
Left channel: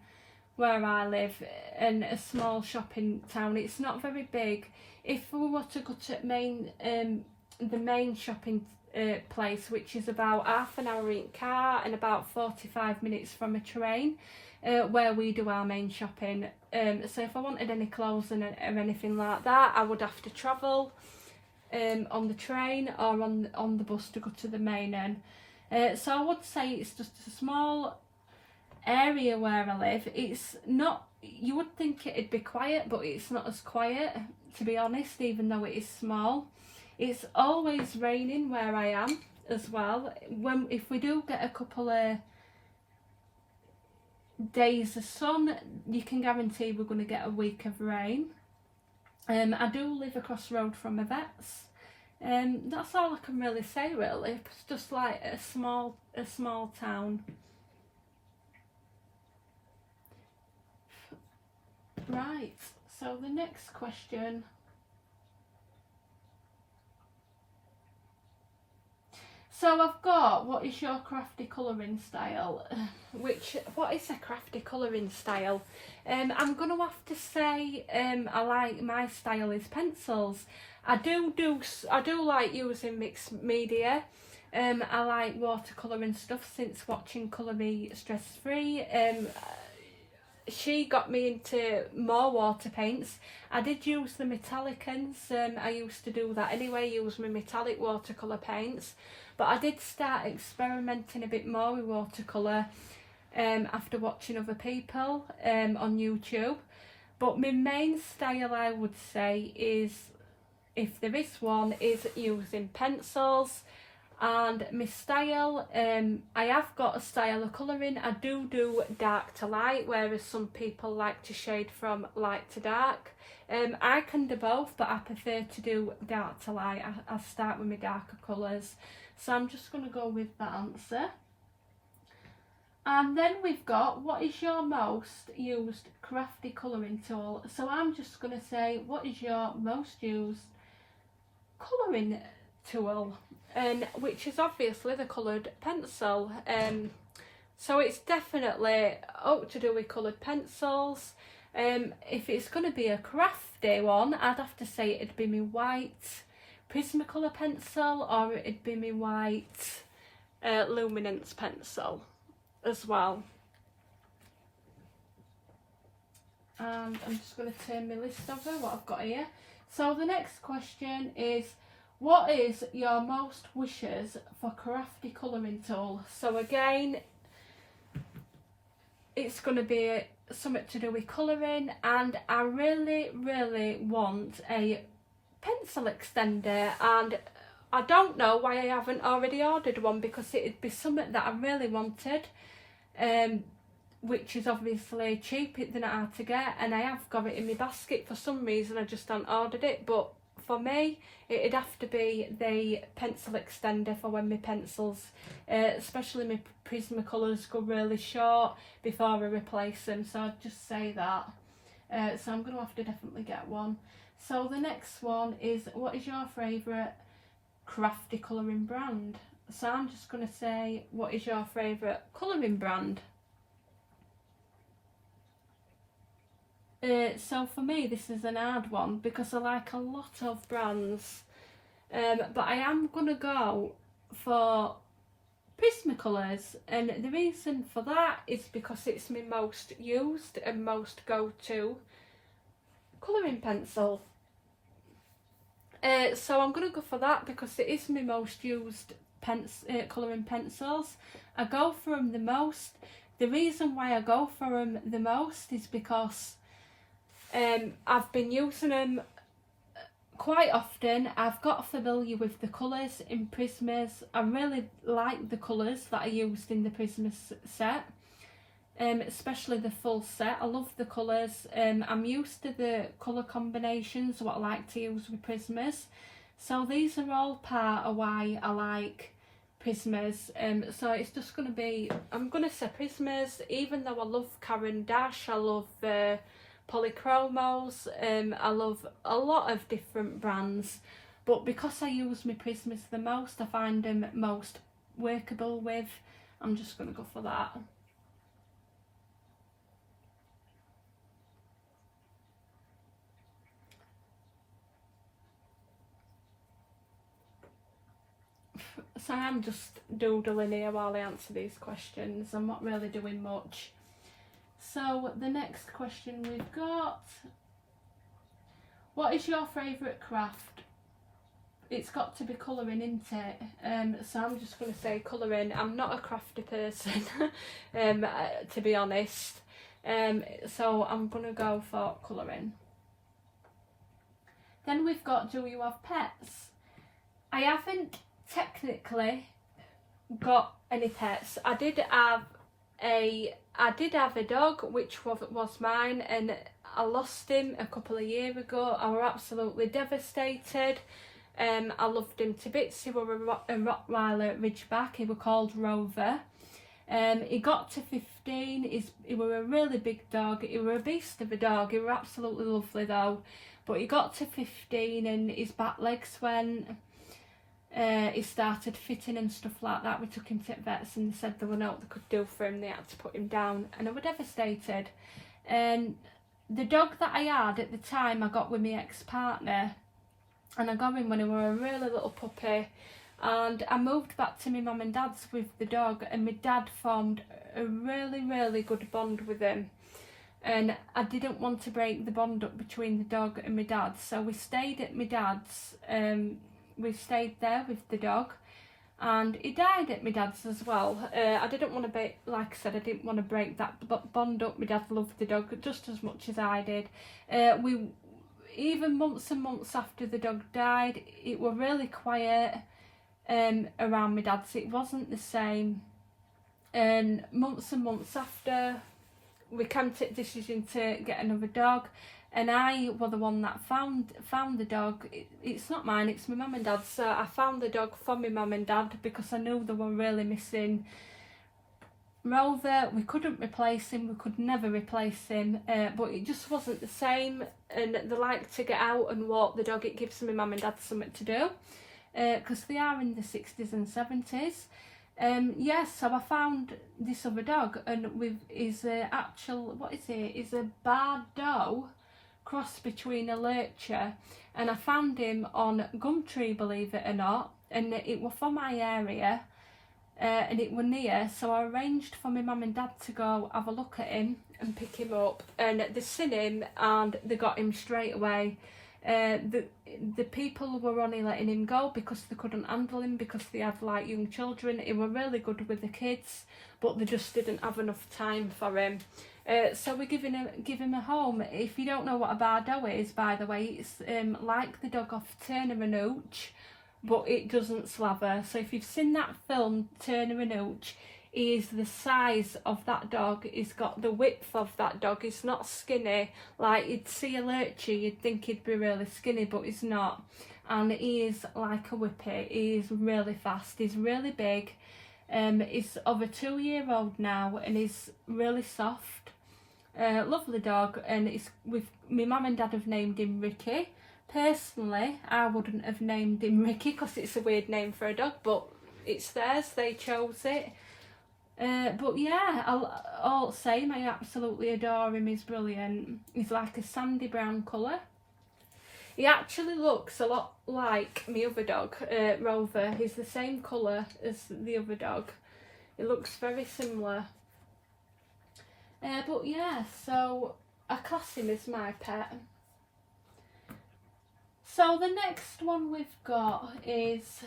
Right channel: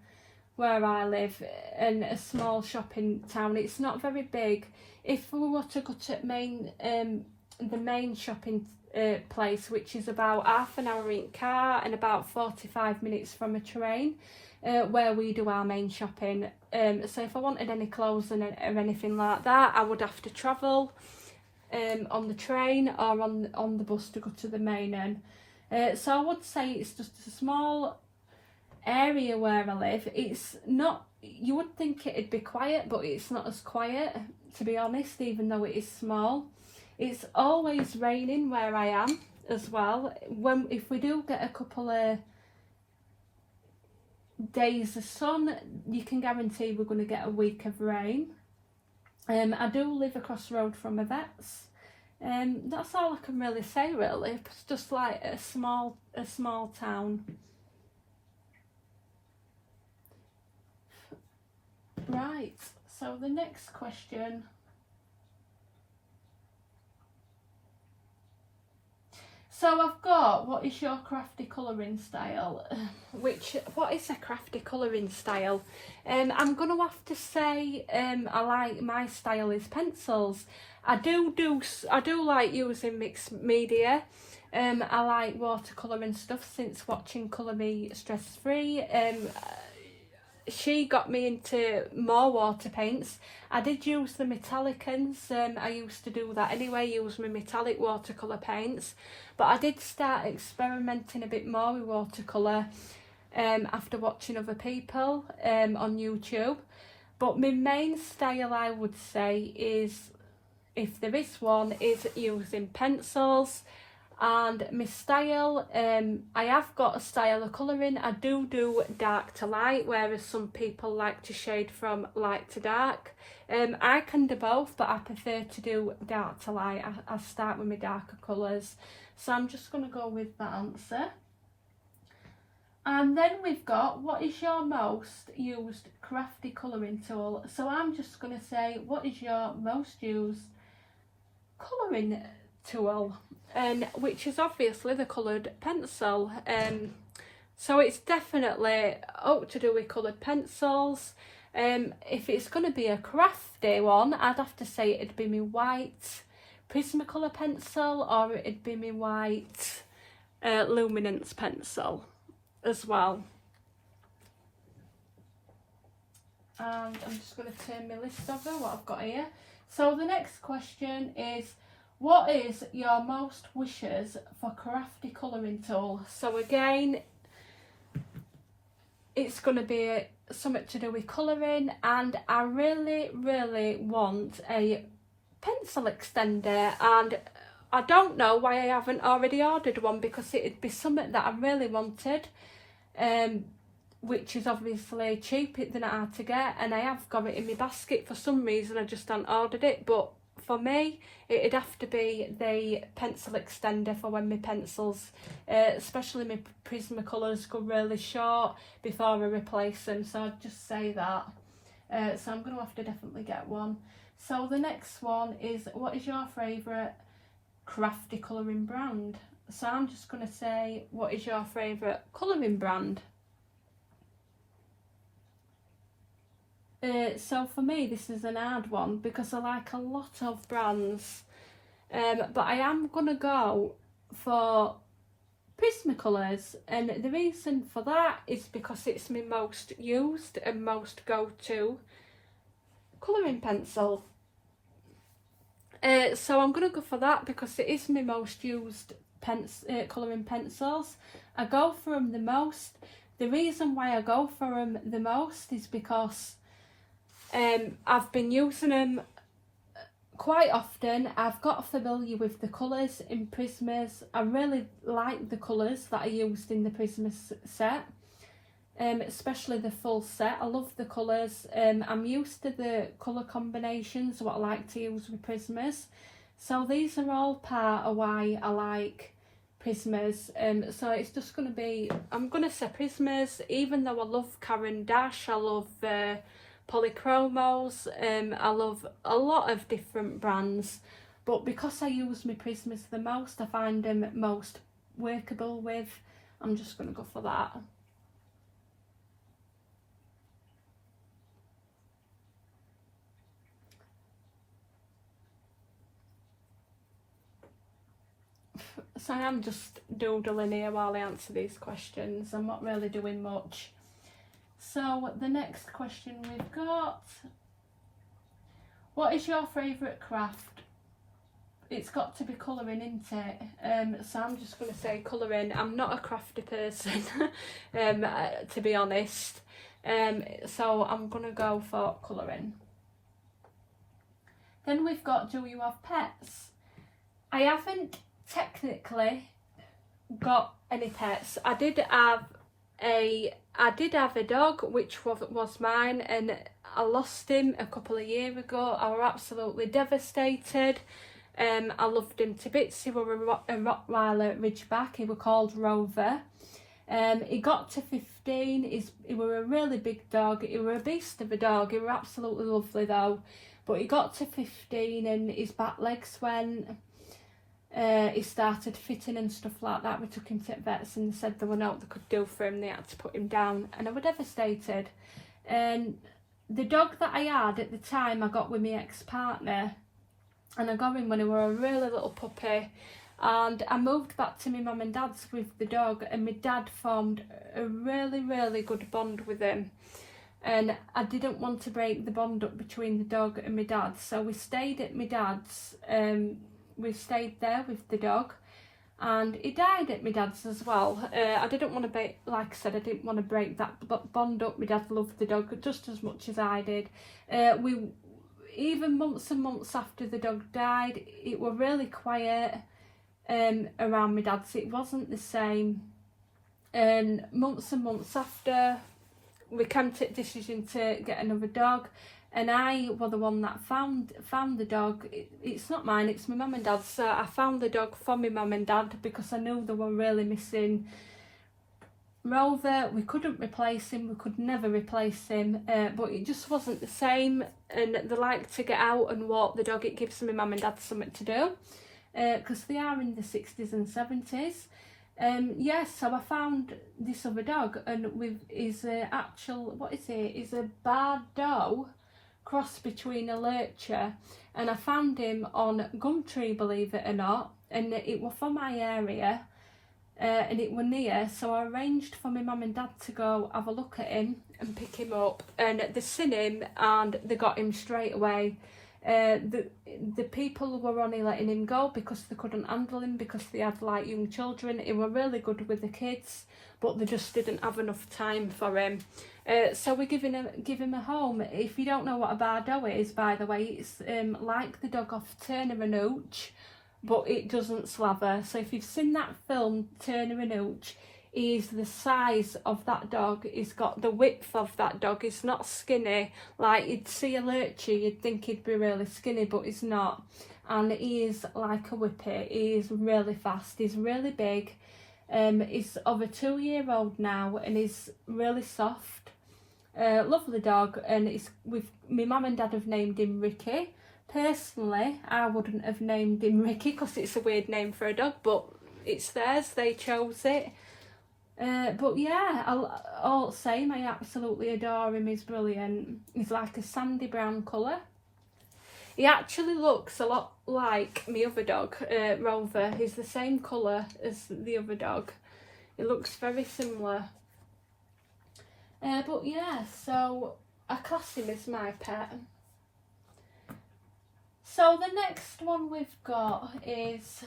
where I live, and a small shopping town. It's not very big. If we were to go to the main shopping place, which is about half an hour in car and about 45 minutes from a train, where we do our main shopping. So if I wanted any clothes or anything like that, I would have to travel on the train or on the bus to go to the main end. So I would say it's just a small area where I live. It's not, you would think it'd be quiet, but it's not as quiet, to be honest, even though it is small. It's always raining where I am as well. If we do get a couple of days of sun, you can guarantee we're going to get a week of rain. I do live across the road from a vet's. That's all I can really say really. It's just like a small town. Right, so the next question. So I've got, what is your crafty colouring style? What is a crafty colouring style? I'm going to have to say I like, my style is pencils. I do like using mixed media. I like watercolour and stuff since watching Colour Me Stress Free. She got me into more water paints. I did use the metallicans. I used to do that anyway, use my metallic watercolour paints. But I did start experimenting a bit more with watercolour after watching other people on YouTube. But my main style, I would say, is, if there is one, is using pencils. And my style, I have got a style of colouring. I do dark to light, whereas some people like to shade from light to dark. I can do both, but I prefer to do dark to light. I start with my darker colours. So I'm just going to go with that answer. And then we've got, what is your most used crafty colouring tool? So I'm just going to say, what is your most used colouring tool? Which is obviously the coloured pencil. So it's definitely up to do with coloured pencils. If it's going to be a crafty one, I'd have to say it'd be my white Prismacolor pencil, or it'd be my white luminance pencil as well. And I'm just going to turn my list over, what I've got here. So the next question is, what is your most wishes for crafty colouring tool? So again, it's going to be something to do with colouring, and I really want a pencil extender, and I don't know why I haven't already ordered one, because it'd be something that I really wanted. which is obviously cheap, they're not hard to get, and I have got it in my basket. For some reason I just haven't ordered it, but for me it'd have to be the pencil extender for when my pencils, especially my Prismacolors, go really short before I replace them, so I'd just say that. So I'm going to have to definitely get one. So the next one is, what is your favourite crafty colouring brand? So I'm just going to say, what is your favourite colouring brand? So for me this is an hard one because I like a lot of brands, but I am going to go for Prismacolors, and the reason for that is because it's my most used and most go-to colouring pencil. So I'm going to go for that because it is my most used colouring pencils. I go for them the most. The reason why I go for them the most is because I've been using them quite often. I've got familiar with the colours in Prismas. I really like the colours that I used in the Prismas set, especially the full set. I love the colours. I'm used to the colour combinations, what I like to use with Prismas. So these are all part of why I like Prismas. So it's just going to be, I'm going to say Prismas, even though I love Caran d'Ache, I love Polychromos, I love a lot of different brands, but because I use my Prismas the most, I find them most workable with, I'm just going to go for that. So I am just doodling here while I answer these questions. I'm not really doing much. So the next question we've got, what is your favourite craft? It's got to be colouring, isn't it? So I'm just going to say colouring. I'm not a crafty person, to be honest. So I'm going to go for colouring. Then we've got, do you have pets? I haven't technically got any pets. I did have a dog, which was mine, and I lost him a couple of years ago. I was absolutely devastated. I loved him to bits. He was a Rottweiler Ridgeback. He was called Rover. He got to 15. He was a really big dog. He was a beast of a dog. He was absolutely lovely though. But he got to 15 and his back legs went. He started fitting and stuff like that. We took him to vets and they said there were no they could do for him. They had to put him down, and I was devastated. And the dog that I had at the time I got with my ex-partner, and I got him when he was a really little puppy, and I moved back to my mum and dad's with the dog, and my dad formed a really good bond with him, and I didn't want to break the bond up between the dog and my dad, so we stayed at my dad's. We stayed there with the dog, and he died at my dad's as well. I didn't want to break, like I said, I didn't want to break that bond up. My dad loved the dog just as much as I did. We, even months and months after the dog died, it was really quiet around my dad's. It wasn't the same. And months after, we came to the decision to get another dog. And I was the one that found the dog. It's not mine, it's my mum and dad's. So I found the dog for my mum and dad because I knew they were really missing Rover. We couldn't replace him, we could never replace him, but it just wasn't the same. And they like to get out and walk the dog. It gives my mum and dad something to do because they are in the 60s and 70s. Yes, so I found this other dog, and with his actual, what is it? Is a Bardo cross between a lurcher, and I found him on Gumtree, believe it or not, and it was from my area, and it was near, so I arranged for my mum and dad to go have a look at him and pick him up, and they seen him and they got him straight away. The people were only letting him go because they couldn't handle him, because they had like young children. He were really good with the kids, but they just didn't have enough time for him. So we give him a home. If you don't know what a Bardo is, by the way, it's like the dog off Turner and Hooch, but it doesn't slaver. So if you've seen that film Turner and Hooch, is the size of that dog. He's got the width of that dog. He's not skinny. Like, you'd see a lurchy, you'd think he'd be really skinny, but he's not. And he is like a whippet. He is really fast. He's really big. He's of a 2-year-old now, and he's really soft. Lovely dog, and it's with my mum and dad have named him Ricky. Personally, I wouldn't have named him Ricky because it's a weird name for a dog, but it's theirs. They chose it. But yeah, all the same, I absolutely adore him. He's brilliant. He's like a sandy brown colour. He actually looks a lot like my other dog, Rover. He's the same colour as the other dog. It looks very similar. But yeah, so I class him as my pet. So the next one we've got is,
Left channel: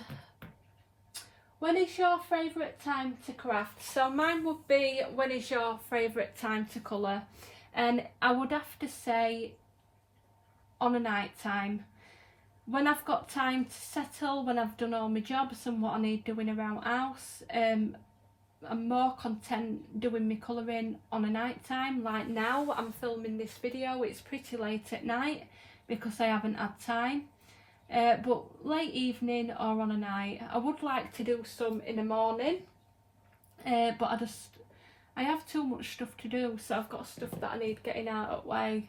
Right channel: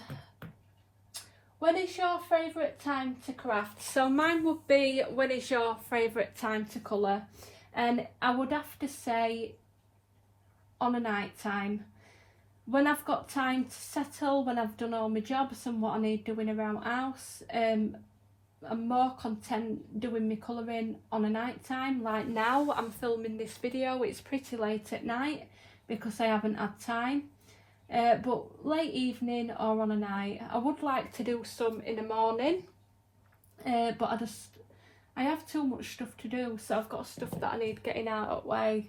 when is your favourite time to craft? So mine would be, when is your favourite time to colour? And I would have to say on a night time. When I've got time to settle, when I've done all my jobs and what I need doing around house, I'm more content doing my colouring on a night time. Like now, I'm filming this video, it's pretty late at night because I haven't had time. But late evening or on a night, I would like to do some in the morning, but I have too much stuff to do, so I've got stuff that I need getting out of the way.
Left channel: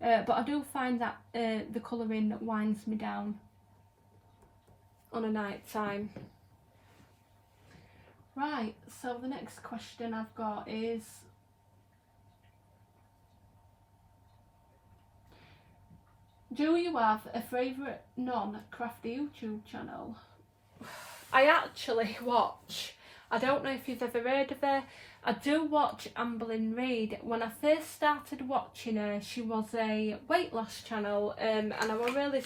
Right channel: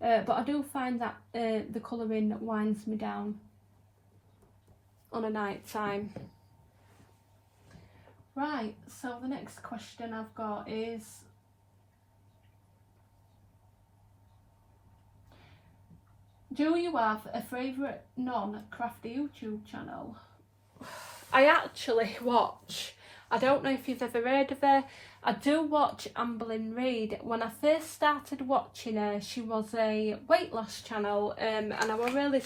But I do find that the colouring winds me down on a night time. Right, so the next question I've got is, do you have a favourite non-crafty YouTube channel? I actually watch, I don't know if you've ever heard of her, I do watch Amberlynn Reid. When I first started watching her, she was a weight loss channel, and I was really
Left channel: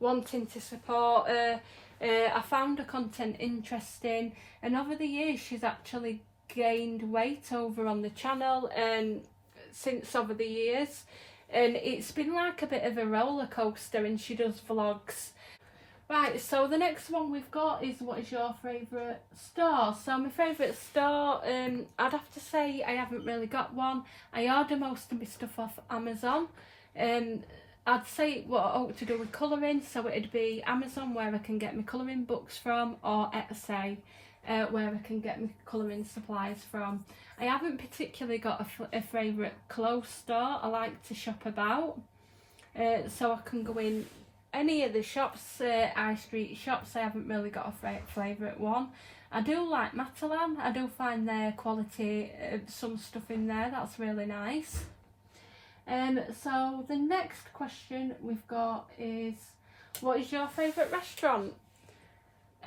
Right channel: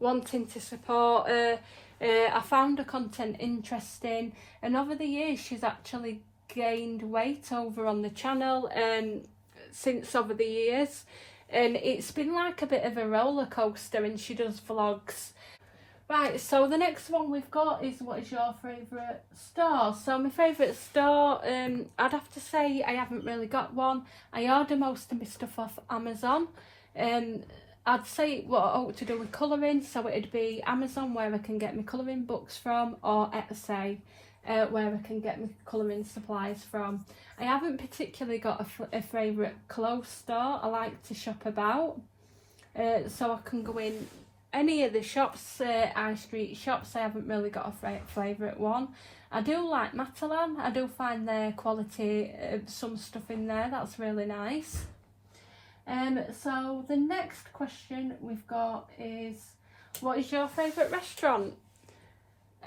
wanting to support her. I found her content interesting, and over the years she's actually gained weight over on the channel, and since over the years, and it's been like a bit of a roller coaster, and she does vlogs. Right, so the next one we've got is, what is your favourite store? So my favourite store, I'd have to say I haven't really got one. I order most of my stuff off Amazon. I'd say what I ought to do with colouring, so it'd be Amazon, where I can get my colouring books from, or Etsy, where I can get my colouring supplies from. I haven't particularly got a favourite clothes store. I like to shop about, so I can go in any of the shops, high street shops. I haven't really got a favourite one. I do like Matalan. I do find their quality, some stuff in there that's really nice. So the next question we've got is, what is your favourite restaurant?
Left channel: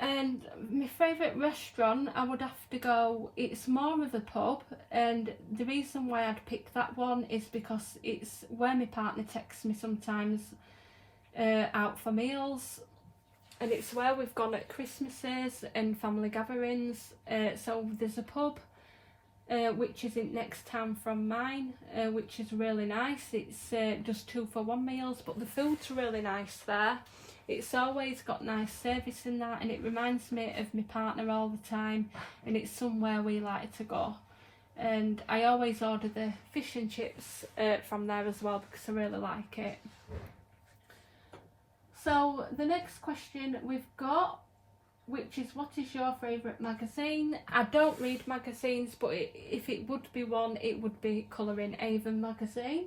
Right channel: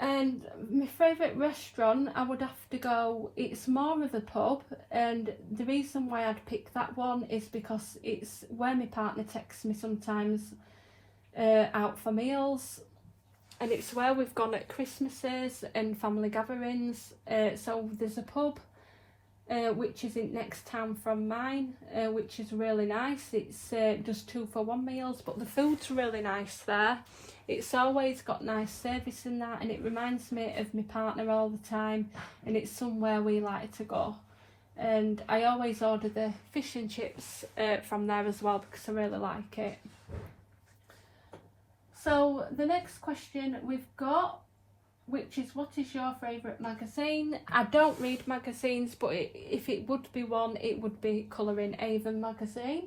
And my favourite restaurant, I would have to go, it's more of a pub, and the reason why I'd pick that one is because it's where my partner texts me sometimes out for meals, and it's where we've gone at Christmases and family gatherings. So there's a pub which is in next town from mine, which is really nice. It's just 2-for-1 meals, but the food's really nice there. It's always got nice service in that, and it reminds me of my partner all the time, and it's somewhere we like to go. And I always order the fish and chips from there as well, because I really like it. So the next question we've got, which is, what is your favourite magazine? I don't read magazines, but if it would be one, it would be Colouring Avon magazine.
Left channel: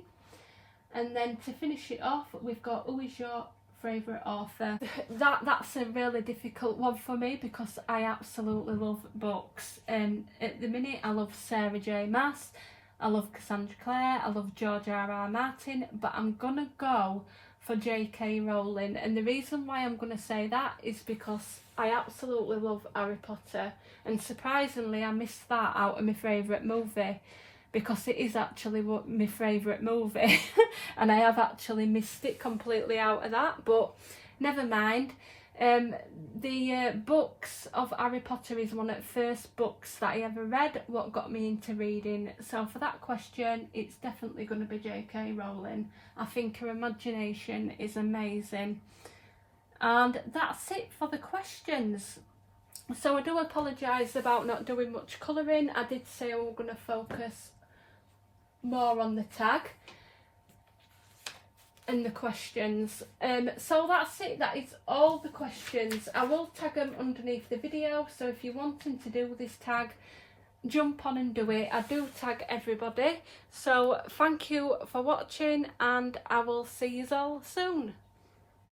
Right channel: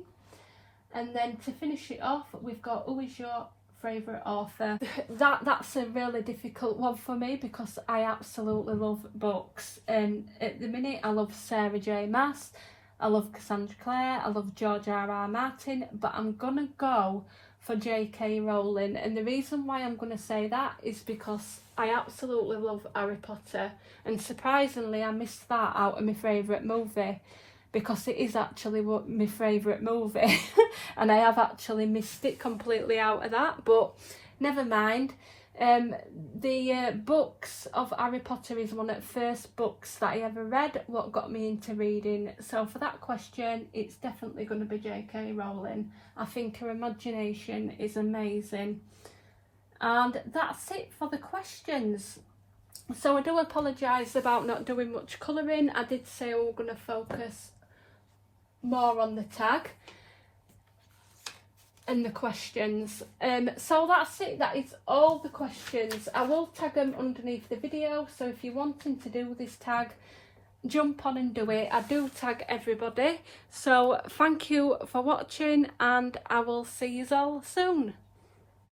And then to finish it off, we've got, who is your favourite author? That's a really difficult one for me, because I absolutely love books, and at the minute I love Sarah J Maas, I love Cassandra Clare, I love George R.R. Martin, but I'm gonna go for J.K. Rowling, and the reason why I'm gonna say that is because I absolutely love Harry Potter, and surprisingly I missed that out of my favourite movie, because it is actually my favourite movie and I have actually missed it completely out of that, but never mind. The books of Harry Potter is one of the first books that I ever read, what got me into reading. So for that question, it's definitely going to be J.K. Rowling. I think her imagination is amazing. And that's it for the questions. So I do apologise about not doing much colouring. I did say we were going to focus more on the tag and the questions. So that's it, that is all the questions. I will tag them underneath the video, so if you're wanting to do this tag, jump on and do it. I do tag everybody. So thank you for watching, and I will see you all soon.